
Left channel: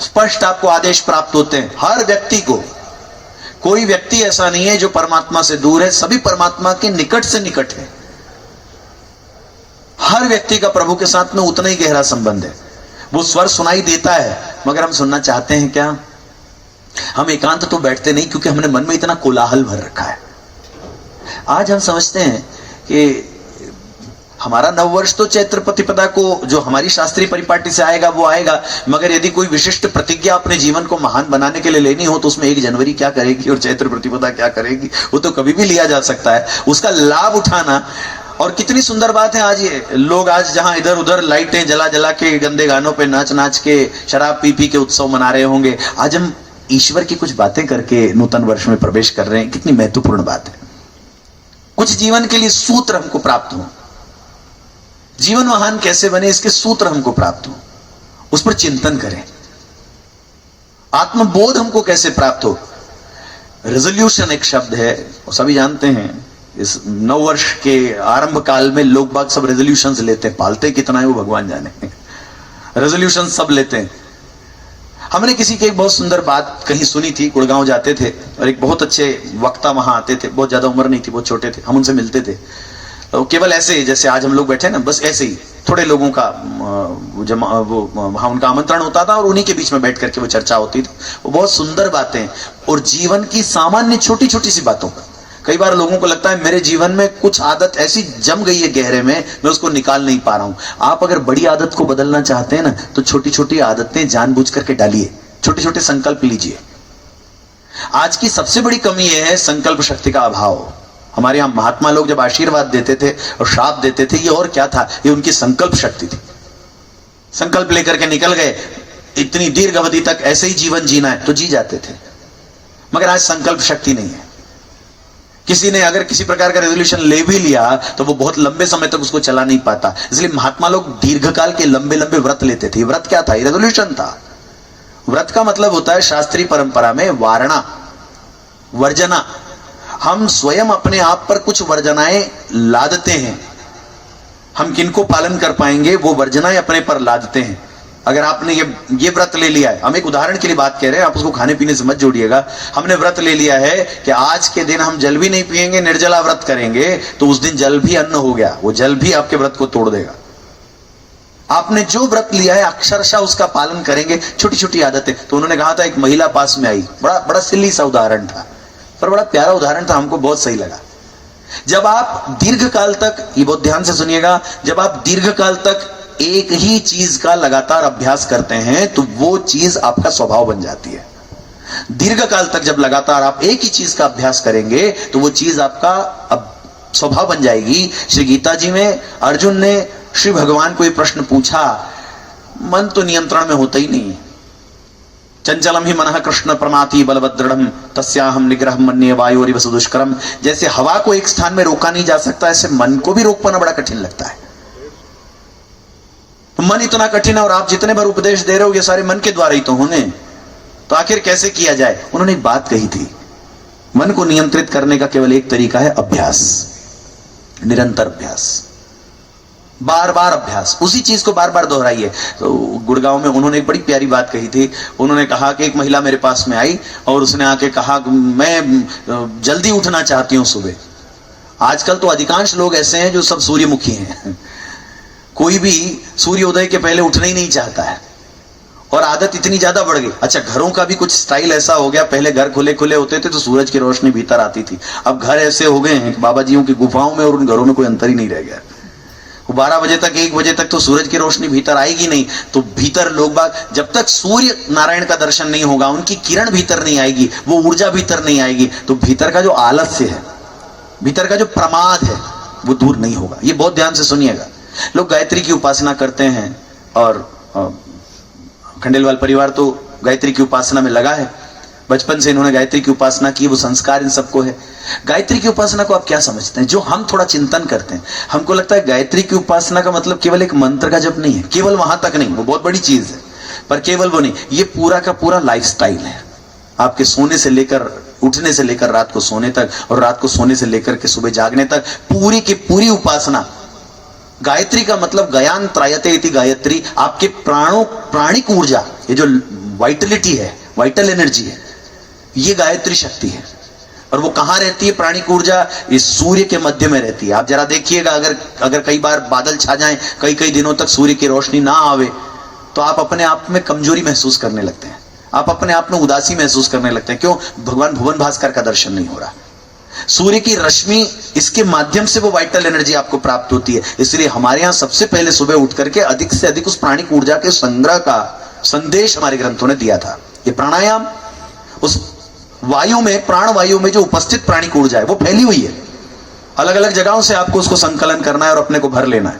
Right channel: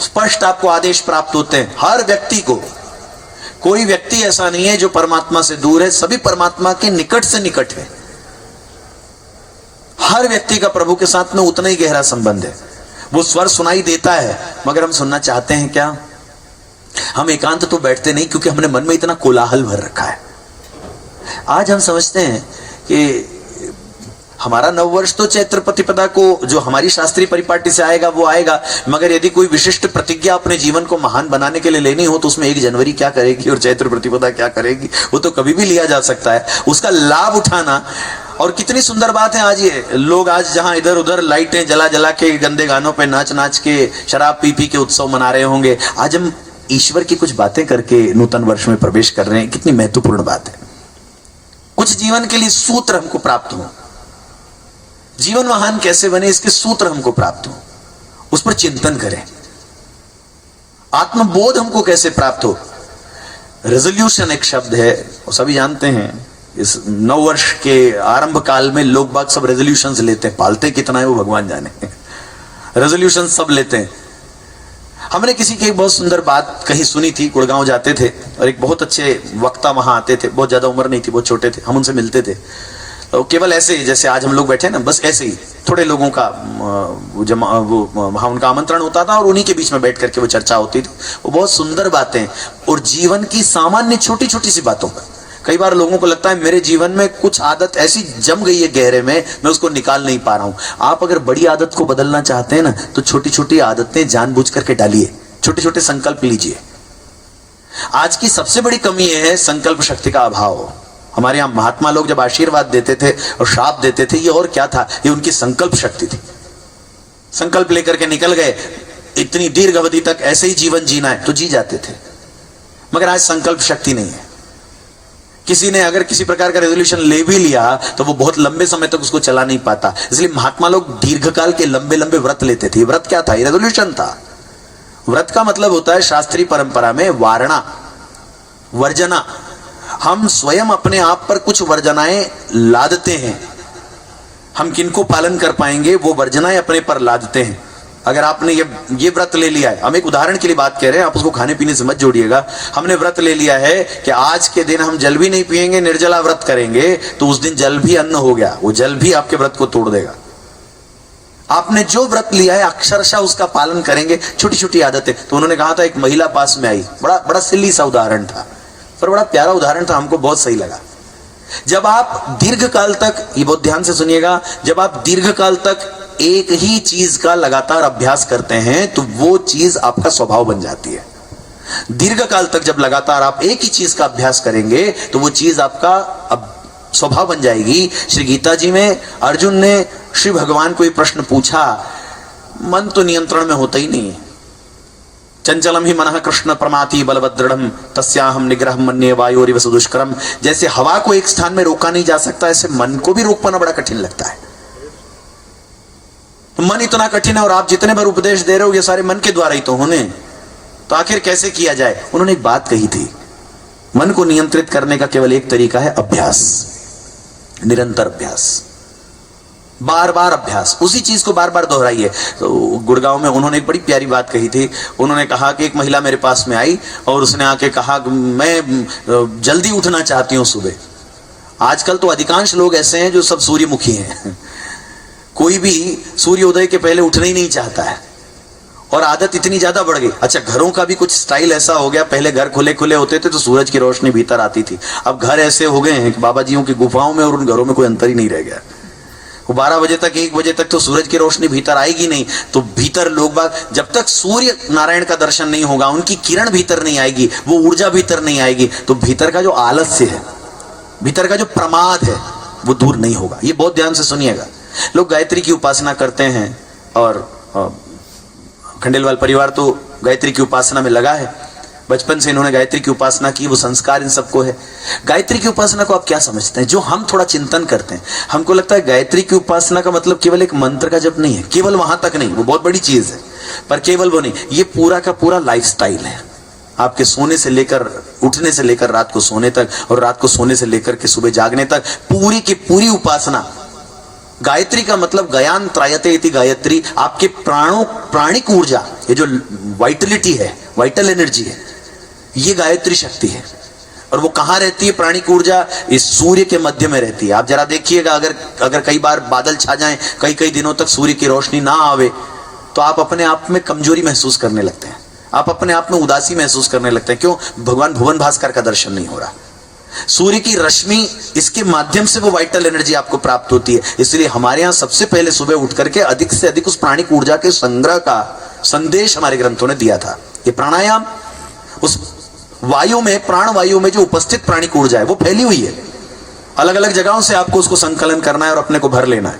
स्पष्ट आपको आदेश प्राप्त होते हैं हर व्यक्ति को। कोई व्यक्ति ऐसा नहीं है जो परमात्मा से दूर है, सभी परमात्मा के निकट से निकट है। हर व्यक्ति का प्रभु के साथ में उतना ही गहरा संबंध है। वो स्वर सुनाई देता है, मगर हम सुनना चाहते हैं क्या? हम एकांत तो बैठते नहीं, क्योंकि हमने मन में इतना कोलाहल भर रखा है। आज हम समझते हैं कि हमारा नववर्ष तो चैत्र प्रतिपदा को, जो हमारी शास्त्रीय परिपाटी से आएगा वो आएगा, मगर यदि कोई विशिष्ट प्रतिज्ञा अपने जीवन को महान बनाने के लिए लेनी हो तो उसमें 1 जनवरी क्या करेगी और चैत्र प्रतिपदा क्या करेगी, वो तो कभी भी लिया जा सकता है। उसका लाभ उठाना। और कितनी सुंदर बात है, आज ये लोग आज जहां इधर उधर लाइटें जला जला के, गंदे गानों पे नाच नाच के, शराब पी पी के उत्सव मना रहे होंगे, आज हम ईश्वर की कुछ बातें करके नूतन वर्ष में प्रवेश कर रहे हैं। कितनी महत्वपूर्ण बात है। कुछ जीवन के लिए सूत्र हमको प्राप्त हो। जीवन महान कैसे बने, इसके सूत्र हमको प्राप्त हो, उस पर चिंतन करें। आत्मबोध हमको कैसे प्राप्त हो। रेजोल्यूशन एक शब्द है, सभी जानते हैं। इस नववर्ष के आरंभ काल में लोग बाग सब रेजोल्यूशंस लेते हैं, पालते कितना है वो भगवान जाने। रेजोल्यूशन सब लेते हैं। हमने किसी की एक बहुत सुंदर बात कहीं सुनी थी, गुड़गांव जाते थे और एक बहुत अच्छे वक्ता वहां आते थे, बहुत ज्यादा उम्र नहीं थी, बहुत छोटे थे, हम उनसे मिलते थे। तो केवल ऐसे ही जैसे आज हम लोग बैठे ना, बस ऐसे ही थोड़े लोगों का वहां उनका आमंत्रण होता था और उन्हीं के बीच में बैठ करके वो चर्चा होती थी। वो बहुत सुंदर बातें और जीवन की सामान्य छोटी छोटी सी बातों का। कई बार लोगों को लगता है मेरे जीवन में कुछ आदत ऐसी जम गई है गहरे में, मैं उसको निकाल नहीं पा रहा हूं। आप अगर बड़ी आदत को बदलना चाहते हैं ना, तो छोटी छोटी आदतें जानबूझ करके डालिए, छोटे छोटे संकल्प लीजिए। आज की सबसे बड़ी कमी यह है संकल्प शक्ति का अभाव। हमारे यहां महात्मा लोग जब आशीर्वाद देते थे और श्राप देते थे, ये और क्या था, ये उनकी संकल्प शक्ति थी। संकल्प लेकर के निकल गए, इतनी दीर्घ अवधि तक ऐसे ही जीवन जीना है तो जी जाते थे। मगर आज संकल्प शक्ति नहीं है। किसी ने अगर किसी प्रकार का रेजोल्यूशन ले भी लिया तो वो बहुत लंबे समय तक उसको चला नहीं पाता। इसलिए महात्मा लोग दीर्घकाल के लंबे लंबे व्रत लेते थे। व्रत क्या था? ये रेजोल्यूशन था। व्रत का मतलब होता है शास्त्रीय परंपरा में वारणा, वर्जना। हम स्वयं अपने आप पर कुछ वर्जनाएं लादते हैं। हम किनको पालन कर पाएंगे, वो वर्जनाएं अपने पर लादते हैं। अगर आपने ये व्रत ले लिया है, हम एक उदाहरण के लिए बात कह रहे हैं, आप उसको खाने पीने से मत जोड़िएगा। हमने व्रत ले लिया है कि आज के दिन हम जल भी नहीं पिएंगे, निर्जला व्रत करेंगे, तो उस दिन जल भी अन्न हो गया। वो जल भी आपके व्रत को तोड़ देगा। आपने जो व्रत लिया है अक्षरशः उसका पालन करेंगे। छोटी छोटी आदतें। तो उन्होंने कहा था, एक महिला पास में आई, बड़ा सिल्ली सा उदाहरण था पर बड़ा प्यारा उदाहरण था, हमको बहुत सही लगा। जब आप दीर्घकाल तक, ये बहुत ध्यान से सुनिएगा, जब आप दीर्घकाल तक एक ही चीज का लगातार अभ्यास करते हैं तो वो चीज आपका स्वभाव बन जाती है। दीर्घकाल तक जब लगातार आप एक ही चीज का अभ्यास करेंगे तो वो चीज आपका स्वभाव बन जाएगी। श्री गीता जी में अर्जुन ने श्री भगवान को ये प्रश्न पूछा, मन तो नियंत्रण में होता ही नहीं। चंचलम ही मनः कृष्ण प्रमाति बलवदृढ़ तस्याहम निग्रह मन्ये वायोरिव सुदुष्करम। जैसे हवा को एक स्थान में रोका नहीं जा सकता, ऐसे मन को भी रोक पाना बड़ा कठिन लगता है। तो मन इतना कठिन है और आप जितने बार उपदेश दे रहे हो ये सारे मन के द्वारा ही तो होने, तो आखिर कैसे किया जाए? उन्होंने एक बात कही थी, मन को नियंत्रित करने का केवल एक तरीका है, अभ्यास, निरंतर अभ्यास, बार बार अभ्यास, उसी चीज को बार बार दोहराइए। तो गुड़गांव में उन्होंने एक बड़ी प्यारी बात कही थी। उन्होंने कहा कि एक महिला मेरे पास में आई और उसने आके कहा, मैं जल्दी उठना चाहती हूं सुबह। आजकल तो अधिकांश लोग ऐसे हैं जो सब सूर्यमुखी हैं। कोई भी सूर्योदय के पहले उठना ही नहीं चाहता है और आदत इतनी ज्यादा बढ़ गई। अच्छा, घरों का भी कुछ स्टाइल ऐसा हो गया, पहले घर खुले खुले होते थे तो सूरज की रोशनी भीतर आती थी। अब घर ऐसे हो गए हैं कि बाबा जियों की गुफाओं में और उन घरों में कोई अंतर ही नहीं रह गया। 12 बजे तक, 1 बजे तक तो सूरज की रोशनी भीतर आएगी नहीं। तो भीतर लोग बाग, जब तक सूर्य नारायण का दर्शन नहीं होगा, उनकी किरण भीतर नहीं आएगी, वो ऊर्जा भीतर नहीं आएगी, तो भीतर का जो आलस्य है, भीतर का जो प्रमाद है, वो दूर नहीं होगा। ये बहुत ध्यान से सुनिएगा। लोग गायत्री की उपासना करते हैं और खंडेलवाल परिवार तो गायत्री की उपासना में लगा है। बचपन से इन्होंने गायत्री की उपासना की, वो संस्कार इन सबको है। गायत्री की उपासना को आप क्या समझते हैं? जो हम थोड़ा चिंतन करते हैं, हमको लगता है गायत्री की उपासना का मतलब केवल एक मंत्र का जप नहीं है। केवल वहां तक नहीं, वो बहुत बड़ी चीज है, पर केवल वो नहीं, ये पूरा का पूरा लाइफस्टाइल है। आपके सोने से लेकर, उठने से लेकर रात को सोने तक, और रात को सोने से लेकर के सुबह जागने तक पूरी की पूरी उपासना। गायत्री का मतलब गयान त्रायते इति गायत्री, आपके प्राणिक ऊर्जा, ये जो वाइटलिटी है, वाइटल एनर्जी है, ये गायत्री शक्ति है। और वो कहां रहती है प्राणिक ऊर्जा? इस सूर्य के मध्य में रहती है। आप जरा देखिएगा, अगर कई बार बादल छा जाएं, कई दिनों तक सूर्य की रोशनी ना आवे, तो आप अपने आप में कमजोरी महसूस करने लगते हैं, आप अपने आप में उदासी महसूस करने लगते हैं। क्यों? भगवान भुवन भास्कर का दर्शन नहीं हो रहा। सूर्य की रश्मि, इसके माध्यम से वो वाइटल एनर्जी आपको प्राप्त होती है। इसलिए हमारे यहां सबसे पहले सुबह उठ करके अधिक से अधिक उस प्राणिक ऊर्जा के संग्रह का संदेश हमारे ग्रंथों ने दिया था। ये प्राणायाम, उस वायु में, प्राण वायु में जो उपस्थित प्राणिक ऊर्जा है वो फैली हुई है। अलग अलग जगहों से आपको उसको संकलन करना है और अपने को भर लेना है।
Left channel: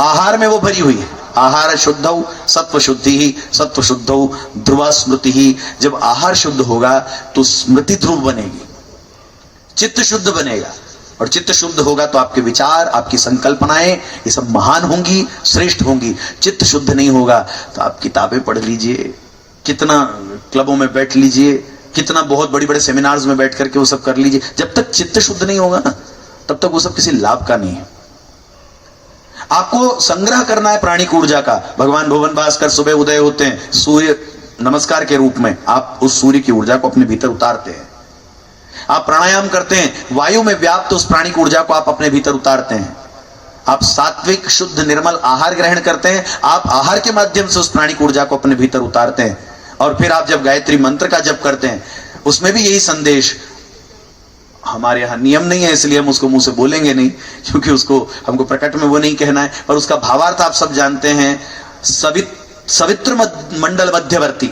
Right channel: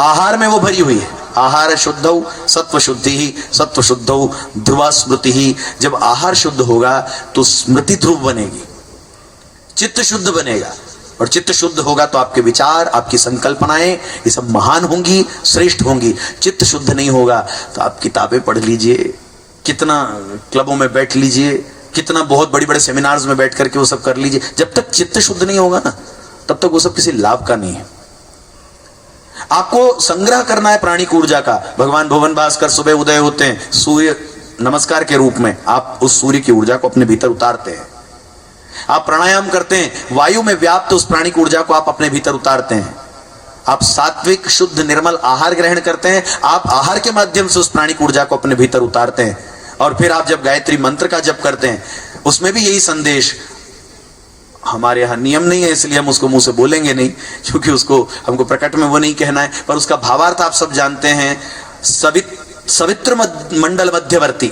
आहार में वो भरी हुई है। आहार शुद्धौ सत्व शुद्धि ही, सत्व शुद्धौ ध्रुवा स्मृति ही। जब आहार शुद्ध होगा तो स्मृति ध्रुव बनेगी, चित्त शुद्ध बनेगा, और चित्त शुद्ध होगा तो आपके विचार, आपकी संकल्पनाएं ये सब महान होंगी, श्रेष्ठ होंगी। चित्त शुद्ध नहीं होगा तो आप किताबें पढ़ लीजिए, कितना क्लबों में बैठ लीजिए, कितना बहुत बड़ी बड़े सेमिनार्स में बैठ करके वो सब कर लीजिए, जब तक चित्त शुद्ध नहीं होगा ना तब तक वो सब किसी लाभ का नहीं है। आपको संग्रह करना है प्राणिक ऊर्जा का। भगवान भुवन भास्कर सुबह उदय होते हैं, सूर्य नमस्कार के रूप में आप उस सूर्य की ऊर्जा को अपने भीतर उतारते हैं। आप प्राणायाम करते हैं, वायु में व्याप्त उस प्राणिक ऊर्जा को आप अपने भीतर उतारते हैं। आप सात्विक शुद्ध निर्मल आहार ग्रहण करते हैं, आप आहार के माध्यम से उस प्राणिक ऊर्जा को अपने भीतर उतारते हैं। और फिर आप जब गायत्री मंत्र का जप करते हैं, उसमें भी यही संदेश। हमारे यहां नियम नहीं है इसलिए हम उसको मुंह से बोलेंगे नहीं, क्योंकि उसको हमको प्रकट में वो नहीं कहना है, पर उसका भावार्थ आप सब जानते हैं। सवित्र मंडल मध्यवर्ती,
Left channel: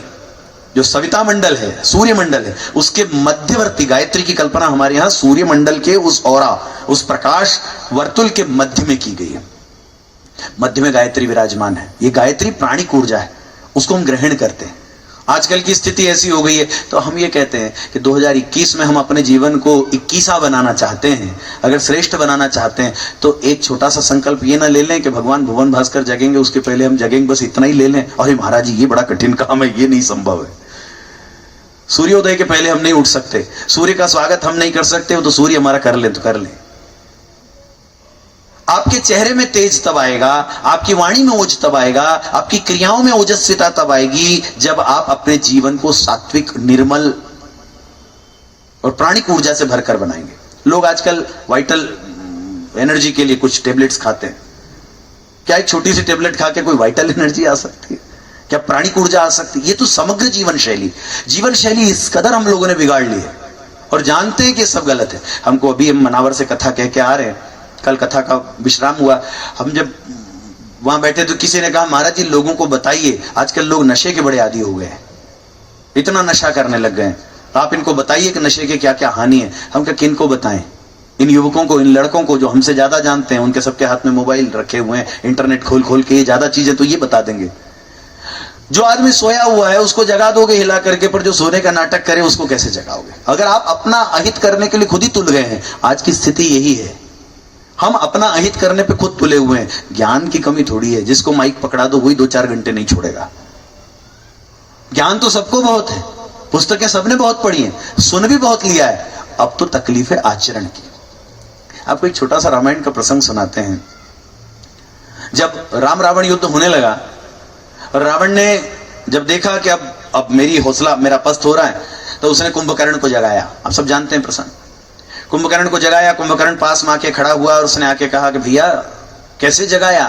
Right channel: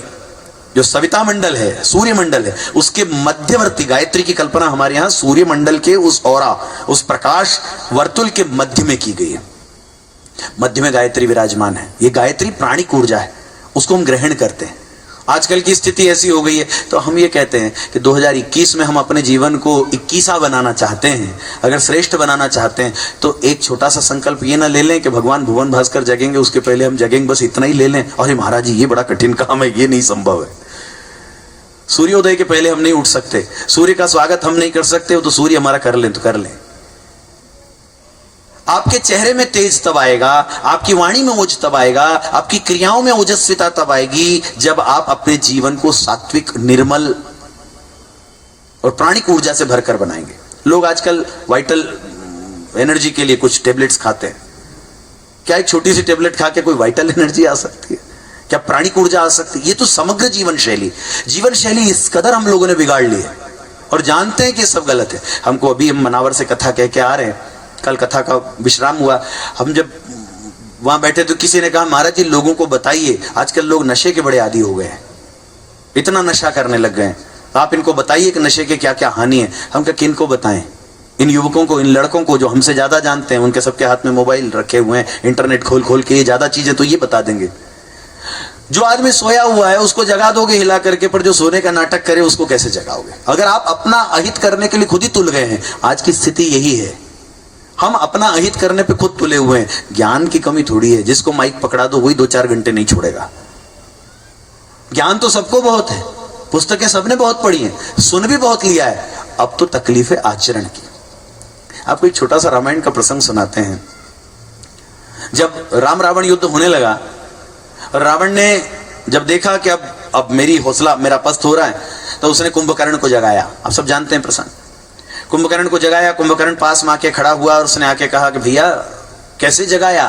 जो सविता मंडल है, सूर्य मंडल है, उसके मध्यवर्ती गायत्री की कल्पना हमारे यहां सूर्य मंडल के उस औरा, उस प्रकाश वर्तुल के मध्य में की गई है। मध्य में गायत्री विराजमान है। ये गायत्री प्राणिक ऊर्जा है, उसको हम ग्रहण करते हैं। आजकल की स्थिति ऐसी हो गई है तो हम ये कहते हैं कि 2021 में हम अपने जीवन को 21वां बनाना चाहते हैं, अगर श्रेष्ठ बनाना चाहते हैं तो एक छोटा सा संकल्प ये ना ले लें कि भगवान भुवन भास्कर जगेंगे उसके पहले हम जगेंगे, बस इतना ही ले लें। अरे महाराज जी ये बड़ा कठिन काम है, ये नहीं संभव है। सूर्योदय के पहले हम नहीं उठ सकते, सूर्य का स्वागत हम नहीं कर सकते, तो सूर्य हमारा कर ले तो कर ले। आपके चेहरे में तेज तब आएगा, आपकी वाणी में ओज तब आएगा, आपकी क्रियाओं में ओजस्विता तब आएगी जब आप अपने जीवन को सात्विक, निर्मल और प्राणिक ऊर्जा से भरकर बनाएंगे। लोग आजकल वाइटल एनर्जी के लिए कुछ टेबलेट्स खाते हैं। क्या एक छोटी सी टेबलेट खा के कोई वाइटल एनर्जी आ सकती है? क्या प्राणिक ऊर्जा आ सकती है? ये तो समग्र जीवन शैली इस कदर हम लोगों ने बिगाड़ ली है और जानते हैं कि सब गलत है। हमको अभी हम मनावर से कथा कह के आ रहे हैं, कल कथा का विश्राम हुआ, हम जब वहां बैठे तो किसी ने कहा महाराज जी लोगों को बताइए, आजकल लोग नशे के बड़े आदी हो गए हैं, इतना नशा करने लग गए हैं, आप इनको बताइए कि नशे के क्या क्या हानि है। हम क्या किन को बताएं? इन युवकों को, इन लड़कों को जो हमसे ज्यादा जानते हैं, उनके सबके हाथ में मोबाइल रखे हुए हैं, इंटरनेट खोल खोल के ज्यादा चीजें तो ये बता देंगे। जो आदमी सोया हुआ है उसको जगा दोगे हिला करके, पर जो सोने का नाटक करे उसको कैसे जगाओगे? अगर आप अपना अहित करने के लिए खुद ही तुल गए हैं, आज की स्थिति यही है, हम अपना अहित करने पे खुद तुले हुए हैं। ज्ञान की कमी थोड़ी है, जिसको माइक पकड़ा दो वही 2-4 घंटे नहीं छोड़ेगा। ज्ञान तो सबको बहुत है, पुस्तकें सबने बहुत पढ़ी हैं, सुन भी बहुत लिया है, अब तो तकलीफ है आचरण की। आपको एक छोटा सा रामायण का प्रसंग सुनाते हैं। जब राम रावण युद्ध होने लगा, रावण ने जब देखा कि अब मेरी हौसला, मेरा पस्त हो रहा है, तो उसने कुंभकर्ण को जगाया। आप सब जानते हैं प्रसंग। कुंभकर्ण को जगाया, कुंभकर्ण पास में आके खड़ा हुआ और उसने आके कहा कि भैया कैसे जगाया?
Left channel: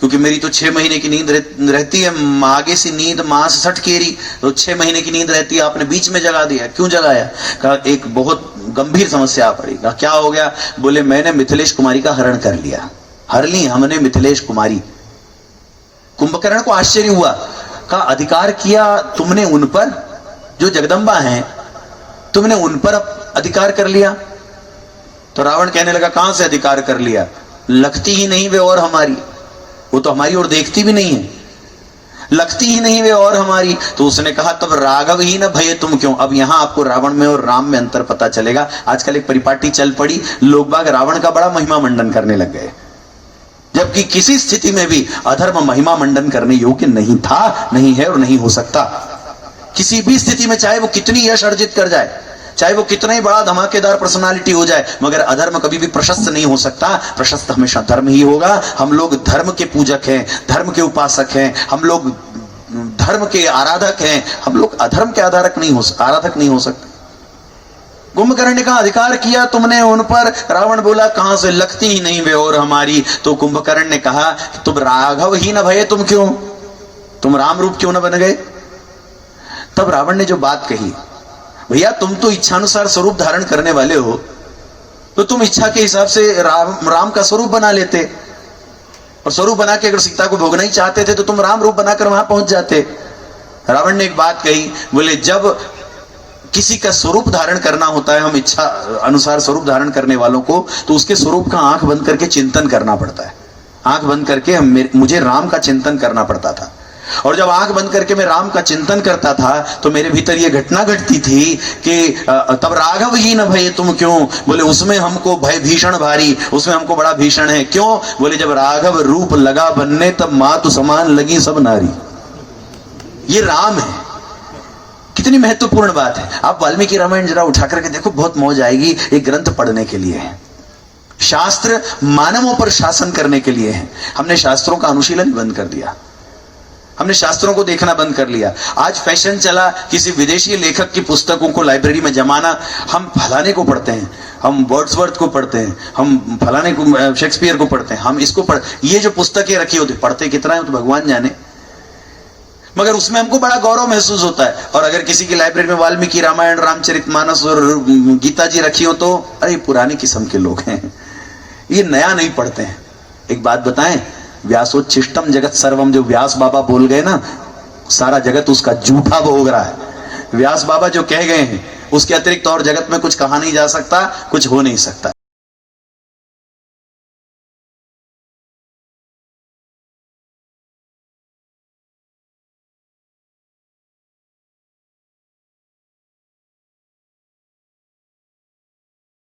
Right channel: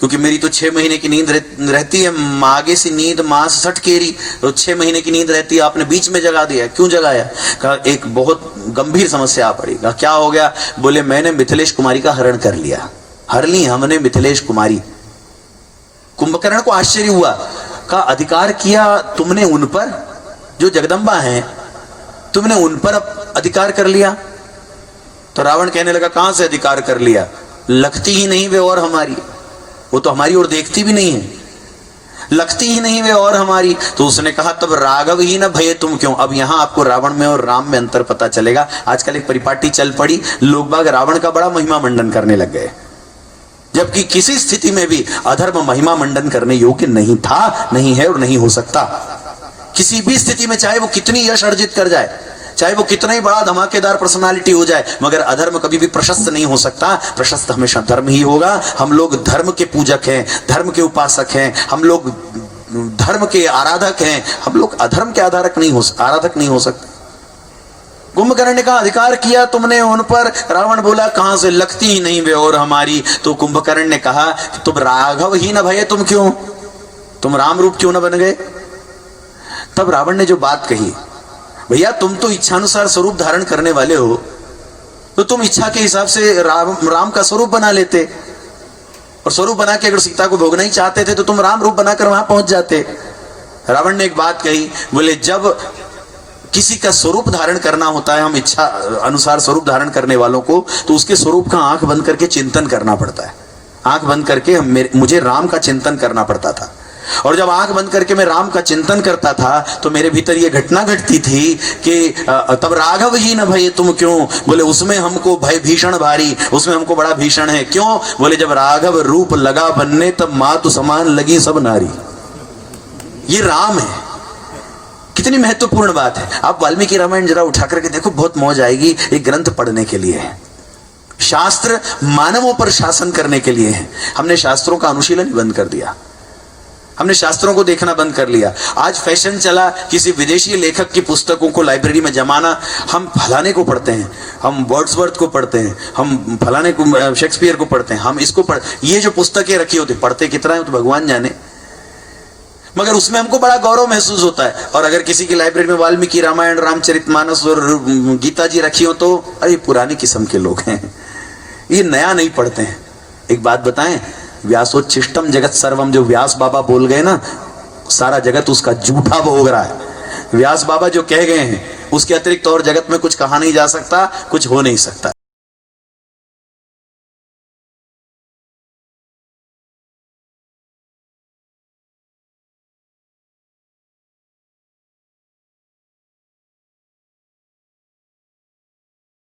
क्योंकि मेरी तो 6 महीने की नींद रहती है, आगे से नींद मास सट केरी, तो 6 महीने की नींद रहती है, आपने बीच में जगा दिया, क्यों जगाया? कहा एक बहुत गंभीर समस्या आ पड़ी। कहा क्या हो गया? बोले मैंने मिथिलेश कुमारी का हरण कर लिया, हर ली हमने मिथिलेश कुमारी। कुंभकर्ण को आश्चर्य हुआ, कहा अधिकार किया तुमने उन पर जो जगदम्बा हैं, तुमने उन पर अधिकार कर लिया? तो रावण कहने लगा कहां से अधिकार कर लिया, लगती ही नहीं वे और हमारी, वो तो हमारी ओर देखती भी नहीं है, लगती ही नहीं वे और हमारी। तो उसने कहा तब राघव ही न भय तुम क्यों। अब यहां आपको रावण में और राम में अंतर पता चलेगा। आजकल एक परिपाटी चल पड़ी, लोग बाग रावण का बड़ा महिमा मंडन करने लग गए, जबकि किसी स्थिति में भी अधर्म महिमा मंडन करने योग्य नहीं था, नहीं है और नहीं हो सकता। किसी भी स्थिति में चाहे वो कितनी यश अर्जित कर जाए, चाहे वो कितना ही बड़ा धमाकेदार पर्सनालिटी हो जाए, मगर अधर्म कभी भी प्रशस्त नहीं हो सकता। प्रशस्त हमेशा धर्म ही होगा। हम लोग धर्म के पूजक हैं, धर्म के उपासक हैं, हम लोग धर्म के आराधक हैं, हम लोग अधर्म के आराधक नहीं हो सकते। कुंभकर्ण ने कहा अधिकार किया तुमने उन पर। रावण बोला कहां से, लगती ही नहीं वे और हमारी। तो कुंभकर्ण ने कहा तुम राघव ही न भये तुम क्यों, तुम राम रूप क्यों न बन गए? तब रावण ने जो बात कही, भैया तुम तो इच्छानुसार स्वरूप धारण करने वाले हो, तो तुम इच्छा के हिसाब से राम का स्वरूप बना लेते, और स्वरूप बना के अगर सीता को भोगना ही चाहते थे तो तुम राम रूप बनाकर वहां पहुंच जाते। रावण ने एक बात कही, बोले जब किसी का स्वरूप धारण करना होता है, हम इच्छा अनुसार स्वरूप धारण करने वालों को, तो उसके स्वरूप का आंख बंद करके चिंतन करना पड़ता है। आंख बंद करके मुझे राम का चिंतन करना पड़ता था। और जब आंख बंद करके मैं राम का चिंतन करता था तो मेरे भीतर यह घटना घटती थी कि तब राघव ही न भय तुम क्यों, बोले उसमें हमको भय भीषण भारी, उसमें हमको बड़ा भीषण है। क्यों? बोले जब राघव रूप लगा बनने तब मातु समान लगी सब नारी। ये राम है। कितनी महत्वपूर्ण बात है। आप वाल्मीकि रामायण जरा उठा करके देखो, बहुत मौज आएगी। एक ग्रंथ पढ़ने के लिए है। शास्त्र मानवों पर शासन करने के लिए है। हमने शास्त्रों का अनुशीलन बंद कर दिया, हमने शास्त्रों को देखना बंद कर लिया। आज फैशन चला किसी विदेशी लेखक की पुस्तकों को लाइब्रेरी में जमाना। हम फलाने को पढ़ते हैं, हम वर्ड्सवर्थ को पढ़ते हैं, हम फलाने को शेक्सपियर को पढ़ते हैं, हम इसको पढ़, ये जो पुस्तकें रखी होती, पढ़ते कितना है तो भगवान जाने, मगर उसमें हमको बड़ा गौरव महसूस होता है। और अगर किसी की लाइब्रेरी में वाल्मीकि रामायण, रामचरितमानस और गीता जी रखी हो तो अरे पुरानी किस्म के लोग हैं, ये नया नहीं पढ़ते हैं। एक बात बताएं, व्यासोच्छिष्टम जगत सर्वम, जो व्यास बाबा बोल गए ना, सारा जगत उसका झूठा भोग रहा है। व्यास बाबा जो कह गए हैं उसके अतिरिक्त और जगत में कुछ कहा नहीं जा सकता, कुछ हो नहीं सकता।